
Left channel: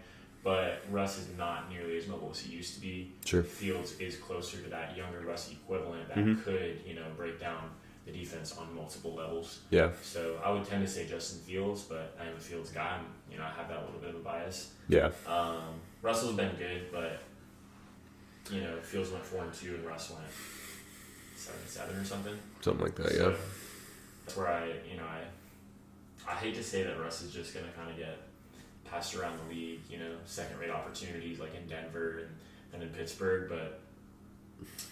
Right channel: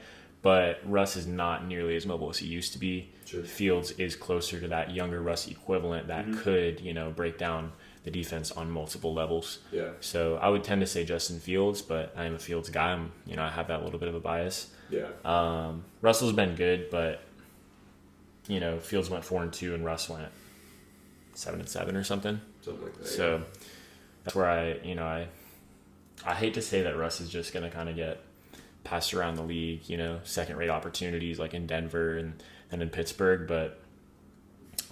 but Russ is not nearly as mobile as he used to be. Sure. Fields is closer to that younger Russ equivalent that could, break down the defense on multiple levels. Yeah. So I would tend to say Justin Fields, but I am a Fields guy. I have that little bit of a bias. Yeah. Russell's been good, but Fields went 4-2 and Russ went 7-7 or something. Something like that. So yeah. That's where I hate to say that Russ is just going to kind of get passed around the league, second-rate opportunities like in Denver and in Pittsburgh, but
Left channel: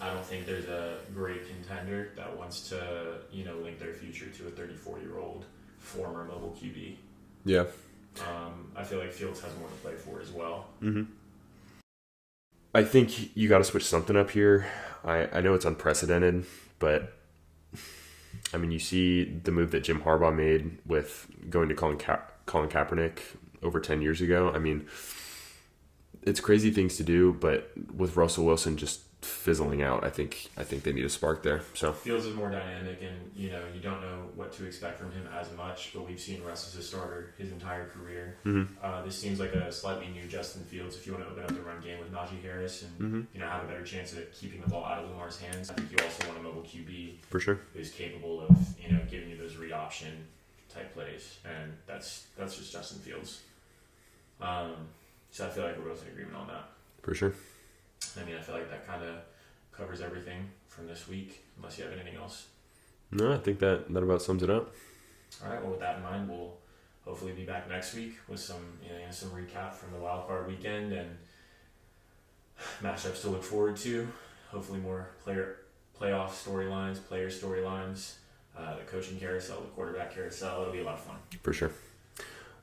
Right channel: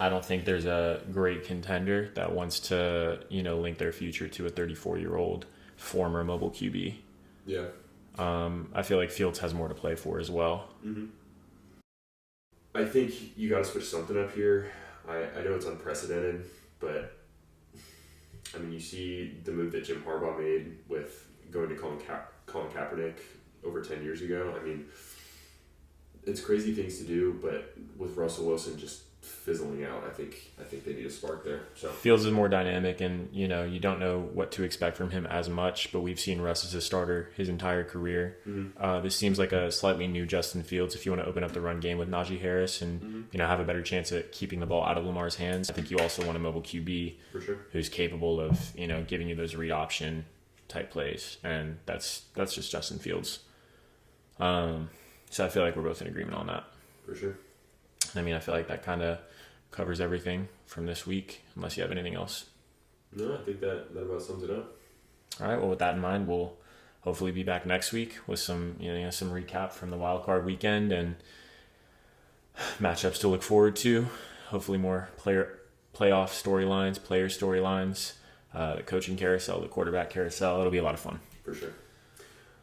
I don't think there's a great contender that wants to, link their future to a 34-year-old former mobile QB. Yeah. I feel like Fields has more to play for as well. Mm-hmm. I think you got to switch something up here. I know it's unprecedented, but I mean, you see the move that Jim Harbaugh made with going to Colin Kaepernick over 10 years ago. I mean, it's crazy things to do, but with Russell Wilson just fizzling out, I think they need a spark there. So Fields is more dynamic, and you don't know what to expect from him as much, but we've seen Russ as a starter his entire career. Mm-hmm. This seems like a slightly new Justin Fields if you want to open up the run game with Najee Harris and have a better chance at keeping the ball out of Lamar's hands. I think you also want a mobile QB for sure who's capable of giving you those read option type plays, and that's just Justin Fields. So I feel like we're both in agreement on that. For sure. I mean, I feel like that kind of covers everything from this week, unless you have anything else. No, I think that about sums it up. All right. Well, with that in mind, we'll hopefully be back next week with some recap from the Wildcard Weekend and matchups to look forward to. Hopefully more playoff storylines, player storylines, the coaching carousel, the quarterback carousel. It'll be a lot of fun. For sure.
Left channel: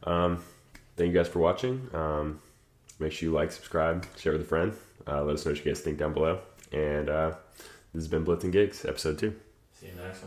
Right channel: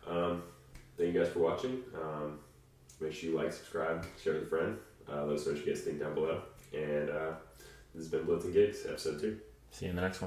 Thank you guys for watching. Make sure you like, subscribe, share with a friend. Let us know what you guys think down below. And this has been Blitz Gigs, episode 2. See you in the next one.